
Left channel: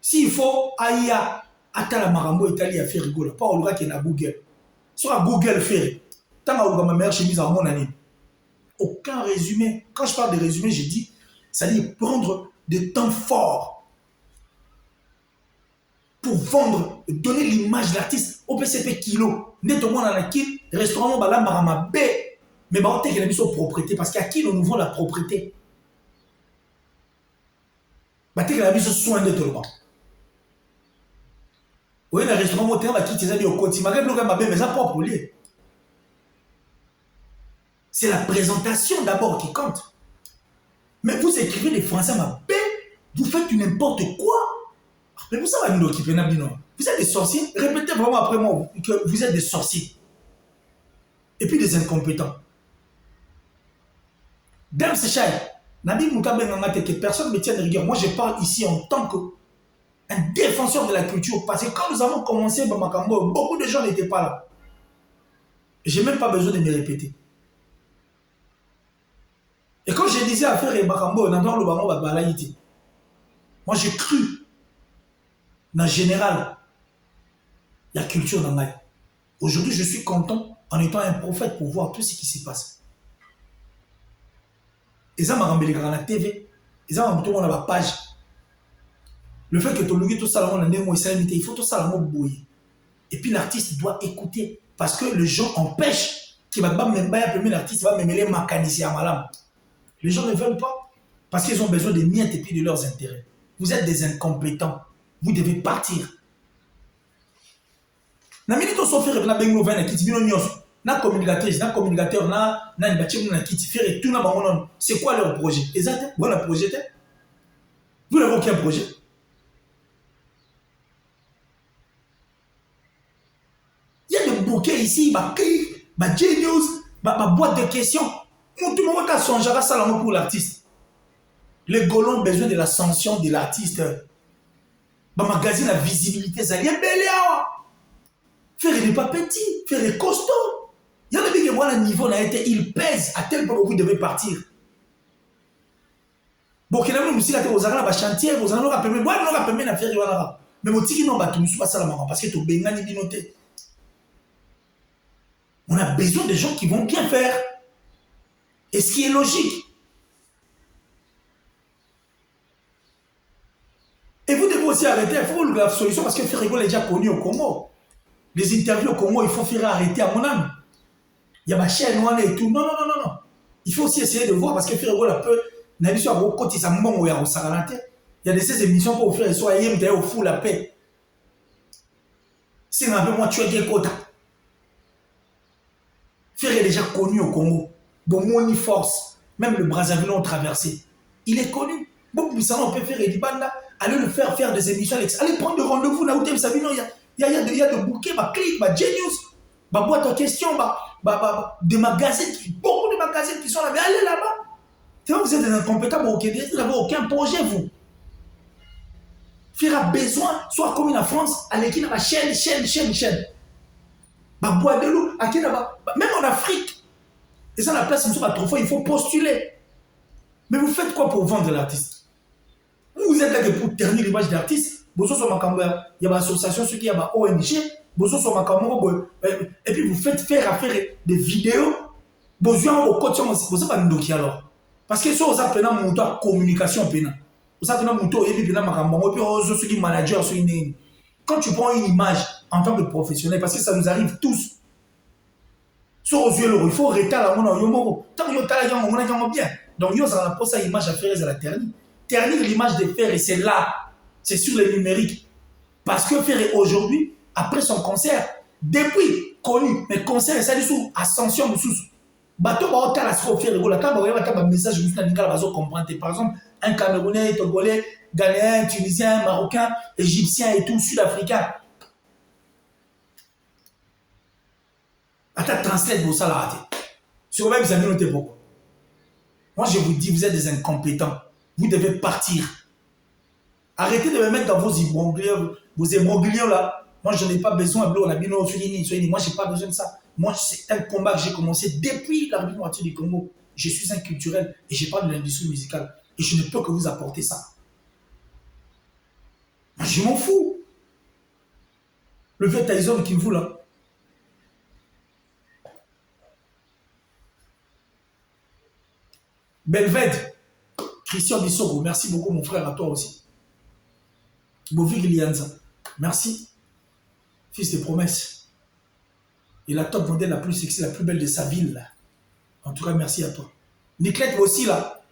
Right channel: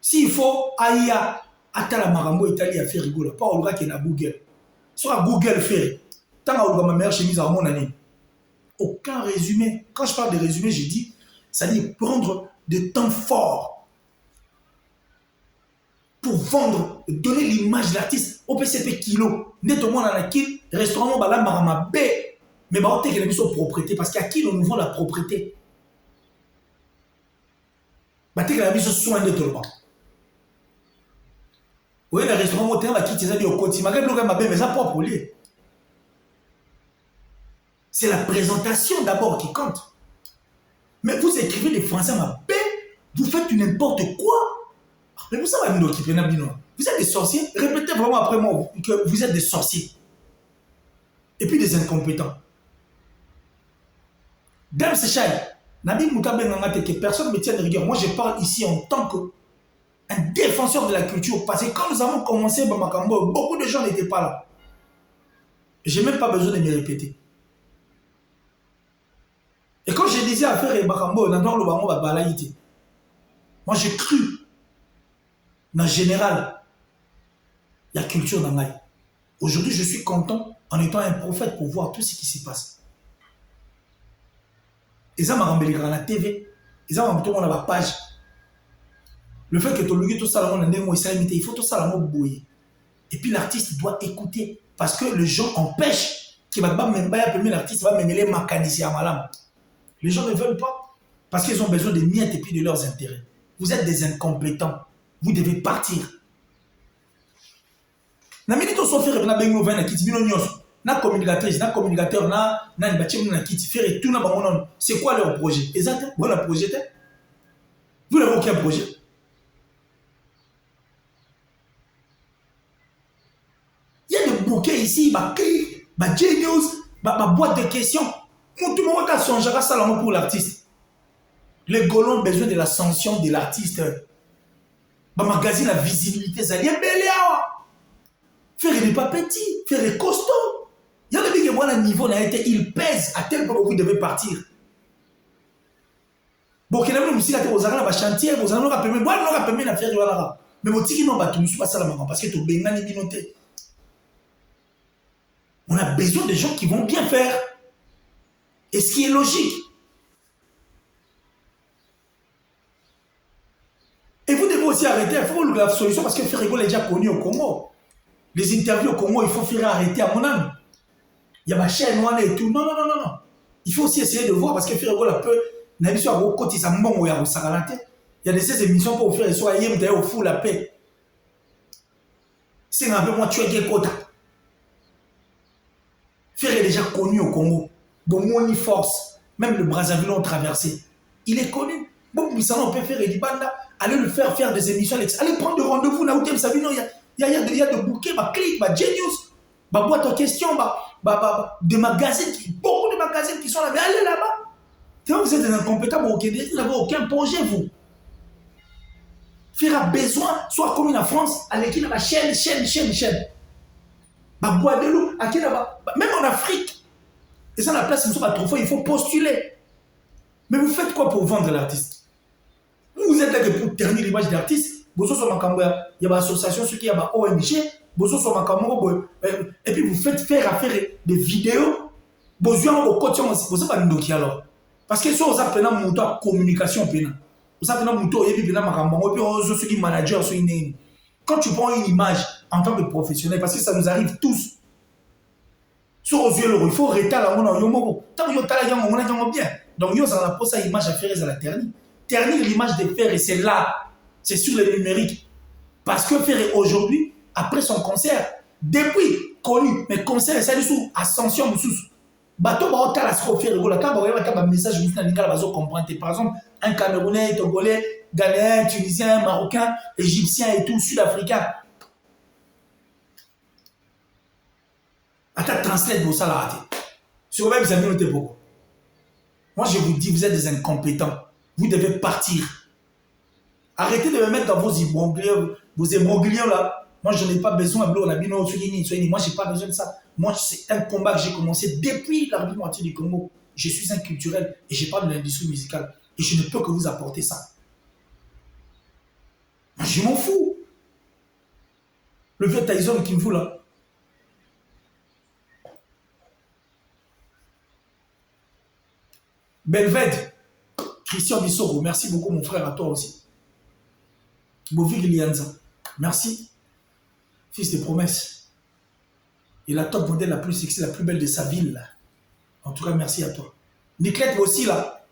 s'il faut aller à la Marambo Italie à faire rigolo, pas au qui est à Google. Soit à Google fait, tant que ma meilleure chemise à mon année. Aucun résumé. Quand je parle de résumé, je dis, ça dit prendre des temps forts pour vendre, donner l'image de l'artiste au PCP kilo. Nettement dans la kill, restaurant Bala Marama B. Mais bah, on a son propriété parce qu'à qui nous vend la propriété? Bah, on a mis soin de tout le monde. Oui, le restaurant moteur, la quitte, ils ont au côté. Malgré le ma belle, mais ça propre lieu. C'est la présentation d'abord qui compte. Mais vous écrivez les Français, ma belle, vous faites n'importe quoi. Mais vous savez, vous êtes des sorciers. Répétez vraiment après moi que vous êtes des sorciers. Et puis des incompétents. Dame Séchal, Nabi Moukabe Nangate, que personne ne me tient de rigueur. Moi, je parle ici en tant qu'un défenseur de la culture. Parce que quand nous avons commencé Bamakambo, beaucoup de gens n'étaient pas là. Je n'ai même pas besoin de me répéter. Et quand je disais à faire Bakambo, dans le Bambo, moi, j'ai cru, en général, la culture dans ma vie. Aujourd'hui, je suis content en étant un prophète pour voir tout ce qui se passe. Ils ont ramené les la TV, ils ont ramené la page. Le fait que tu as tout ça, il faut tout ça bouillir. Et puis l'artiste doit écouter parce que les gens empêchent qu'il va pas même pas l'artiste va me mêler mécanicien à madame. Les gens ne veulent pas parce qu'ils ont besoin de miettes et puis de leurs intérêts. Vous êtes des incompétents. Vous devez partir. Na communicatrice, na communicateur, na bâtiment na qui fait tout na bangonon. C'est quoi leur projet? Exactement. Vous avez un projet? Vous n'avez aucun projet. Il y a des bouquets ici, ma genius, ma boîte de questions. Tout le monde a son jara salamon pour l'artiste. Les Golons ont besoin de la sanction de l'artiste. Ma magazine la visibilité, ça y est belé. Faire des pas petits, faire des costauds. Il y a des gens qui le niveau là été, il pèse à tel point que vous devez partir. Bon, qu'il y a des gens qui ont chantier, vous en aurez permis, moi, on aura permis de faire là. Mais vous dites non, tu ne suis pas ça parce que tu as besoin de noter. On a besoin de gens qui vont bien faire. Et ce qui est logique. Et vous devez aussi arrêter, il faut la solution parce que Ferrigo est déjà connu au Congo. Les interviews au Congo, il faut faire arrêter à mon âme. Il y a ma chaîne noire et tout. Non. Il faut aussi essayer de voir parce que Ferrigo la peut. Il y a de ces émissions pour faire soit hier au fou la paix. C'est un peu moi tu as des quotas. Ferrigo est déjà connu au Congo. Bon, force. Même le Brazzaville ont traversé. Il est connu. Bon, mais ça on peut faire des bandes là. Allez le faire des émissions. Allez prendre de rendez-vous là où tu savez non il y a de bouquets, ma clique, ma genius, ma boîte en question, des magazines, beaucoup de magazines qui sont là. Mais allez là-bas. Vous êtes des incompétents, vous n'avez aucun projet, vous. Faire besoin, soit comme en France, avec qui la chaîne. Ma boîte de l'eau, même en Afrique. Et ça, la place, il faut postuler. Mais vous faites quoi pour vendre l'artiste? Vous êtes là pour ternir l'image de l'artiste. Il y a une association, il y a une ONG. Et puis vous faites faire des vidéos. Vous avez pas de alors. Parce que si vous avez une communication, vous avez une manager. Quand tu prends une image en tant que professionnel, parce que ça nous arrive tous, sur aux yeux, il faut arrêter la monnaie. Tant que vous avez bien. Donc, vous avez posé cette image à faire à la ternir. Ternir l'image de faire, et c'est là. C'est sur le numérique. Parce que Ferré aujourd'hui, après son concert, depuis connu, mais concert, c'est sous ascension sous. Bateau va au Talasco Ferré, quand vous avez un message, je vous dis que vous comprendre. Par exemple, un Camerounais, Togolais, Ghanéen, Tunisien, Marocain, Égyptien et tout, Sud-Africain. Attends, translate vos salariés. Sur vous avez noté pourquoi. Moi, je vous dis, vous êtes des incompétents. Vous devez partir. Arrêtez de me mettre dans vos immobiliers là. Moi, je n'ai pas besoin. Moi, je n'ai pas besoin de ça. Moi, c'est un combat que j'ai commencé depuis l'arrivée du Congo. Je suis un culturel et je parle de l'industrie musicale. Et je ne peux que vous apporter ça. Moi, je m'en fous. Le vieux Tyson qui me fout là. Belved, Christian Bissoro, merci beaucoup mon frère, à toi aussi. Bovi Lilianza, merci. Fils de promesses. Et la top modèle la plus sexy, la plus belle de sa ville. Là. En tout cas, merci à toi. Nicolette aussi là.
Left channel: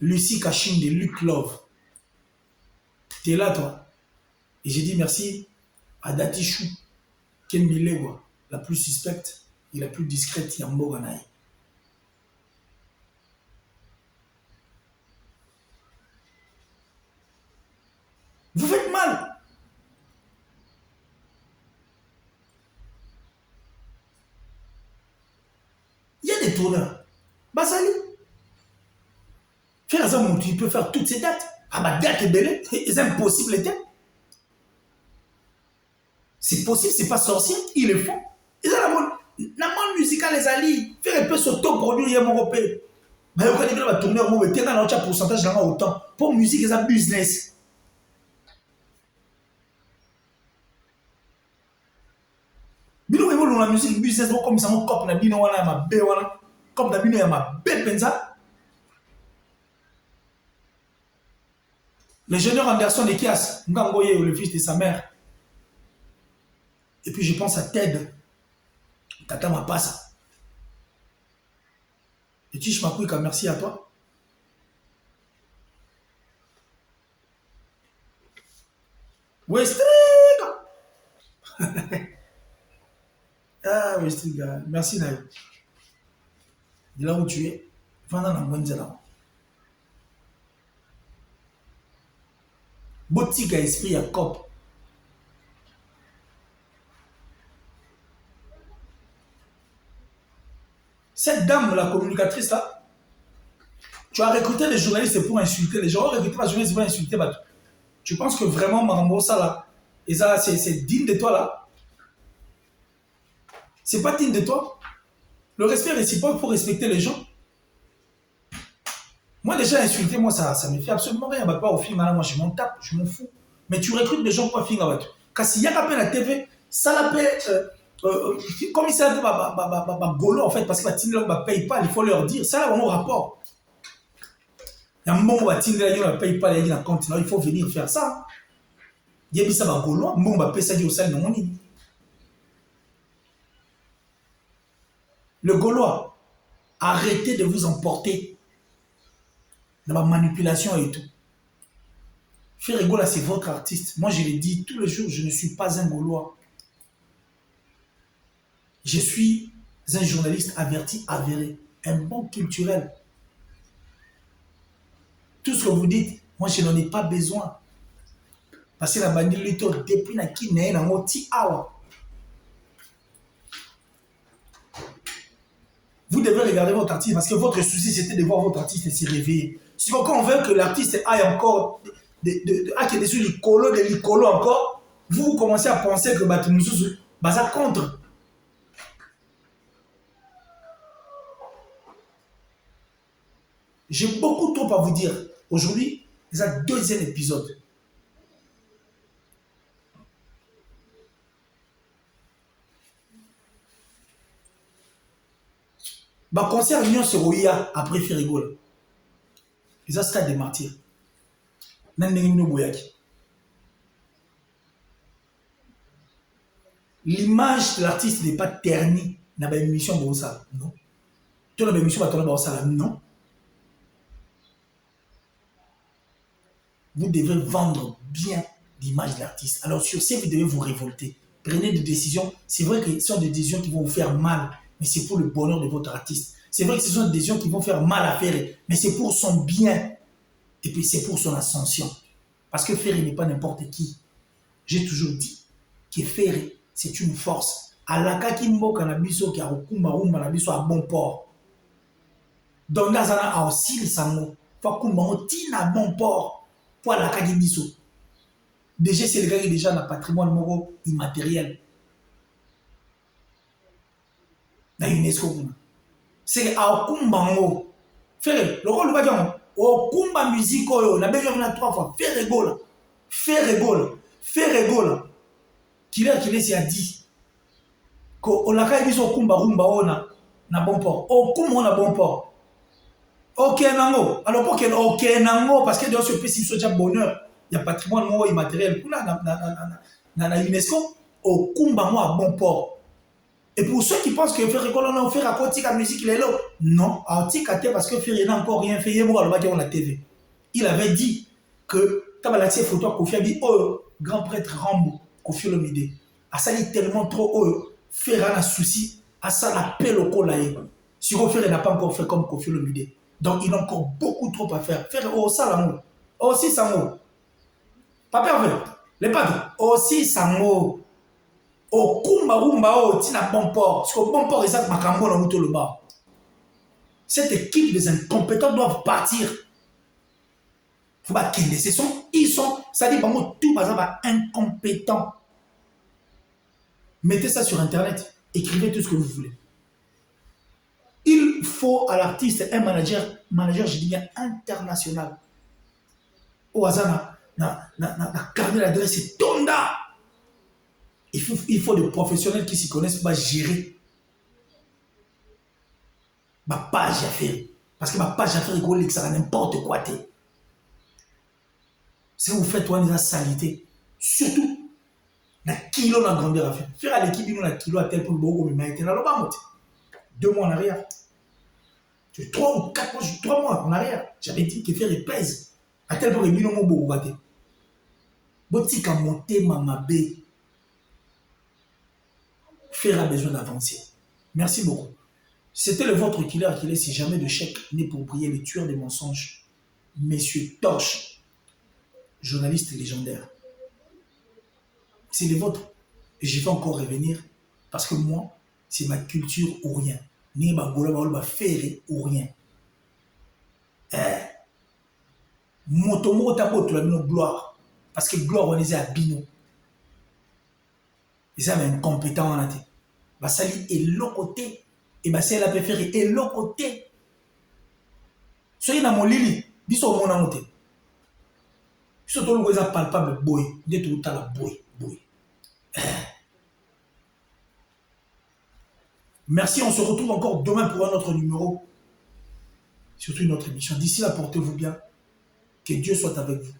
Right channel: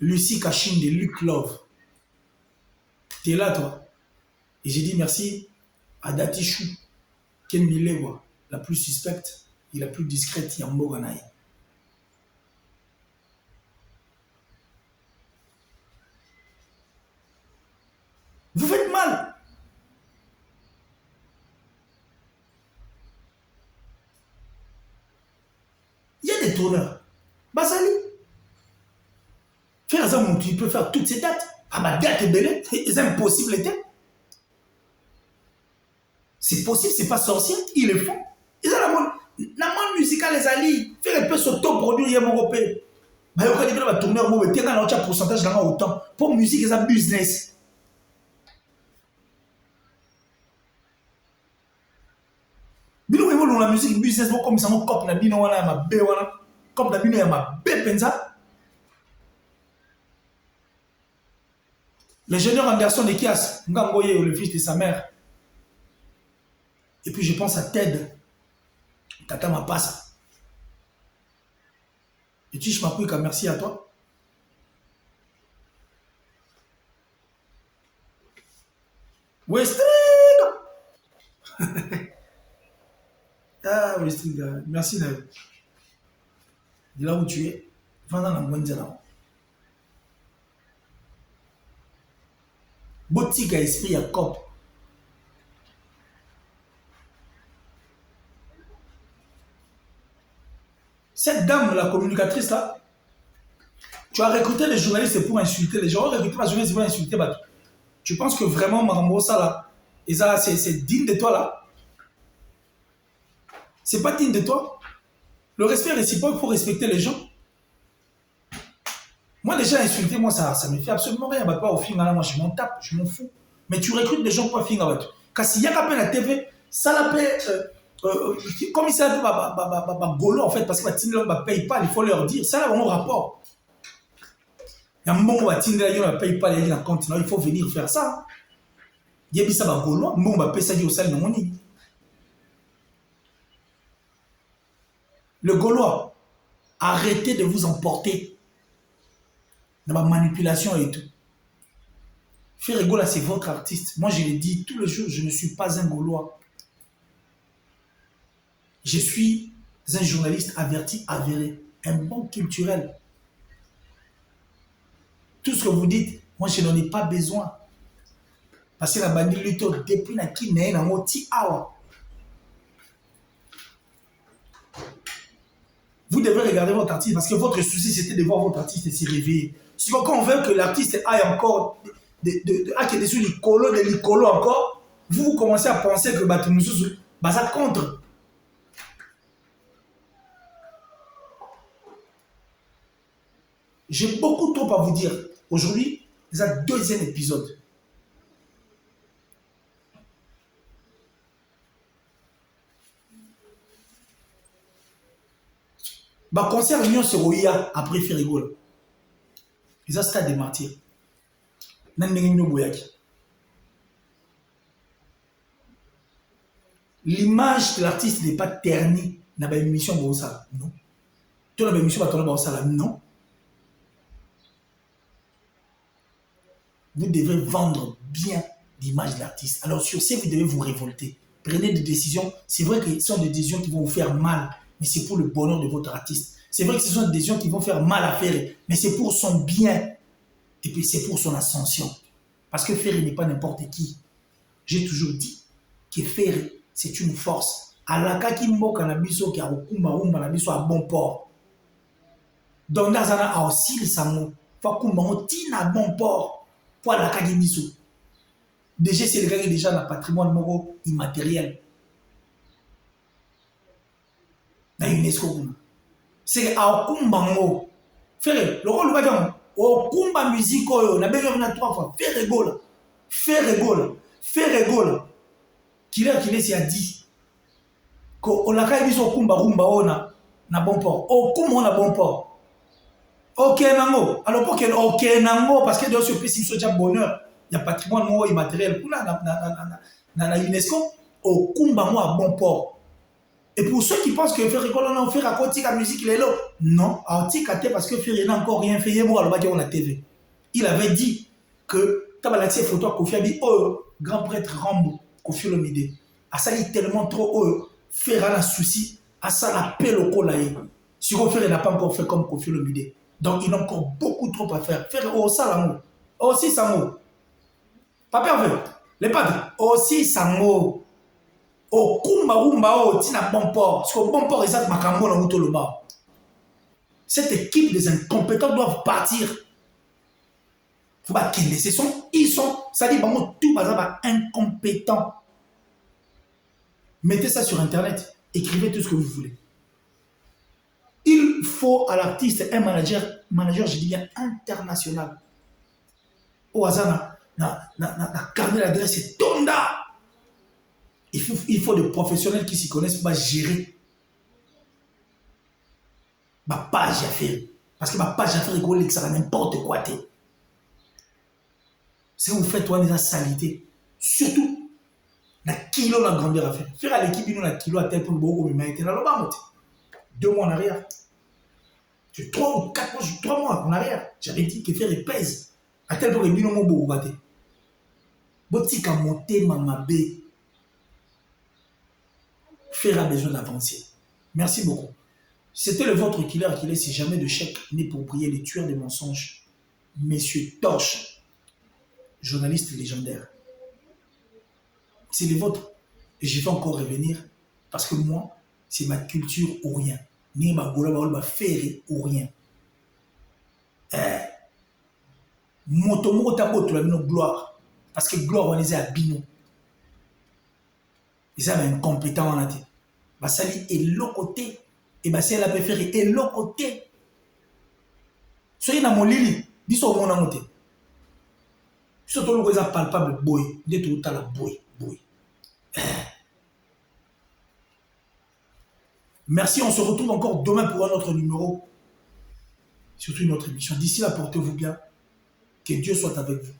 Lucie Cachine de Luc Love. Tu es là, toi. Et j'ai dit merci à Datichou, Ken Milewa, la plus suspecte et la plus discrète Yambo Ganaï. Vous faites mal. Il y a des tourneurs. Basali. Faire ça, tu peux faire toutes ces dates. Ah, ma date est belle. C'est impossible, était. C'est possible, c'est pas sorcier. Ils le font. Ils ont la bonne musique, les alliés. Faire un peu s'auto-produire, il y a mon repère. Mais quand il y a un tourneur, il y a un pourcentage là autant. Pour musique, c'est un business. Bino ils vont la musique business comme ça mon cop na bino wala ma be wala comme na bino ya ma be penza. L'ingénieur Anderson de Kias, Ngangoye, le fils de sa mère. Et puis je pense à Ted, Tata Mapassa. Et Tish Makwika, merci à toi. Westring. Ah, Westring, merci Naël. De là où tu es, va dans la moindre là. Boutique à esprit à cop. Cette dame, la communicatrice là, tu as recruté les journalistes pour insulter les gens. Recruter la journaliste pour insulter Batou. Tu penses que vraiment Marambo ça là, et ça c'est digne de toi là? C'est pas digne de toi. Le respect réciproque pour respecter les gens. Moi déjà insulter, moi ça me fait absolument rien. Bah, pas au film, moi je m'en tape, je m'en fous. Mais tu recrutes des gens pour finir avec. Car s'il y a qu'à peine la TV, ça la paie. Comme il s'appelle Golo en fait, parce que la Tinder ne paye pas, il faut leur dire. Ça a vraiment rapport. Il y a un moment où la Tinder ne paye pas, il y a un compte, il faut venir faire ça. Il y a ça Golo, un moment où on paye ça au sein de mon lit. Le Gaulois, arrêtez de vous emporter dans ma manipulation et tout. Ferregola, c'est votre artiste. Moi, je l'ai dit tous les jours, je ne suis pas un Gaulois. Je suis un journaliste averti, avéré, un bon culturel. Tout ce que vous dites, moi, je n'en ai pas besoin. Parce que la bandit lutte depuis la qui n'est pas moti awa. Vous devez regarder votre artiste parce que votre souci c'était de voir votre artiste se réveiller. Si quand on veut que l'artiste aille encore sur l'icolo encore, vous commencez à penser que ça contre. J'ai beaucoup trop à vous dire. Aujourd'hui, c'est un deuxième épisode. Ma concert Union sur Oya après Ferrigol. Ils ont stade des martyrs. L'image de l'artiste n'est pas ternie dans l'émission comme ça. Non. Tu as une émission comme ça. Non. Vous devez vendre bien l'image de l'artiste. Alors sur ce, vous devez vous révolter. Prenez des décisions. C'est vrai que ce sont des décisions qui vont vous faire mal, mais c'est pour le bonheur de votre artiste. C'est vrai que ce sont des décisions qui vont faire mal à Ferré, mais c'est pour son bien. Et puis c'est pour son ascension. Parce que Ferré n'est pas n'importe qui. J'ai toujours dit que Ferré, c'est une force. Alaka ki mboka na biso ki akumba rumba na biso a bon port. Donc nazana a aussi le sango. Fa kumba oti na bon port. Pour alaka ki biso. Déjà c'est le gars qui est déjà dans le patrimoine moro immatériel. Na UNESCO. C'est à Kumbango. Ferré, le rôle va dire, au Kumba musique, on a besoin de 3 fois. Ferré, qui est, s'y a dit, qu'on a quand même au Kumba Rumba, on a bon port. Au Kumba, on a bon port. Ok, Nango. Alors, pour qu'il ok, Nango, parce que dans ce pays, c'est déjà bonheur. Il y a patrimoine moi immatériel. Dans la UNESCO, au Kumba, moi, à bon port. Et pour ceux qui pensent que Ferré Gola n'a offert à côté la musique, il est là. Non, à parce que Ferré n'a encore rien fait. Il a la TV. Il avait dit que Tu as la photo à Kofi, dit, oh, grand prêtre Rambo, Kofi Olomide. A sali tellement trop, oh, faire un souci, à ça la paix au colaï. Si Kofi n'a pas encore fait comme Kofi Olomide. Donc, il a encore beaucoup trop à faire. Faire, oh, ça l'amour. Aussi, ça mot. Papa veut. Les padres, aussi, ça mot. Oh, kumba, rumba, oh, tina bon port. Parce que bon port, ils ont makambo dans le bas. Cette équipe des incompétents doivent partir. Faut pas qu'ils ils sont, ça dit, tout bazar incompétents. Mettez ça sur Internet. Écrivez tout ce que vous voulez. Il faut à l'artiste un manager, je dis bien international. Au hasard, na carnet d'adresse, c'est Tonda. Il faut des professionnels qui s'y connaissent pour gérer ma page à faire. Parce que ma page à faire, il ça n'importe quoi. Si vous faites toi des salité, surtout la kilo la grandeur à faire. Faire à l'équipe, nous la kilo à tel point que vous m'avez dans le bas. 2 mois en arrière. 3 ou 4 mois, 3 mois en arrière. J'avais dit que faire les pèse. À tel point que nous avons beaucoup raté. Botique à monter ma bé. Faire a besoin d'avancer. Merci beaucoup. C'était le vôtre qu'il est si jamais de chèque n'est pour prier les tueurs des mensonges. Messieurs Torche, journaliste légendaire. C'est le vôtre. Et je vais encore revenir parce que moi, c'est ma culture ou rien. Ni ma boula ferré ou rien. Motomo tabo tu la gloire. Parce que gloire on les a bino. Ils ont incompétent en athée. Bah sali et l'autre côté. Et bah c'est la préférée et l'autre côté. Soyez dans mon lili. Dis au mon amoté. Surtout le voisin palpable boy. Dès tout à la boy. Merci, on se retrouve encore demain pour un autre numéro. Surtout une autre émission. D'ici là, portez-vous bien. Que Dieu soit avec vous.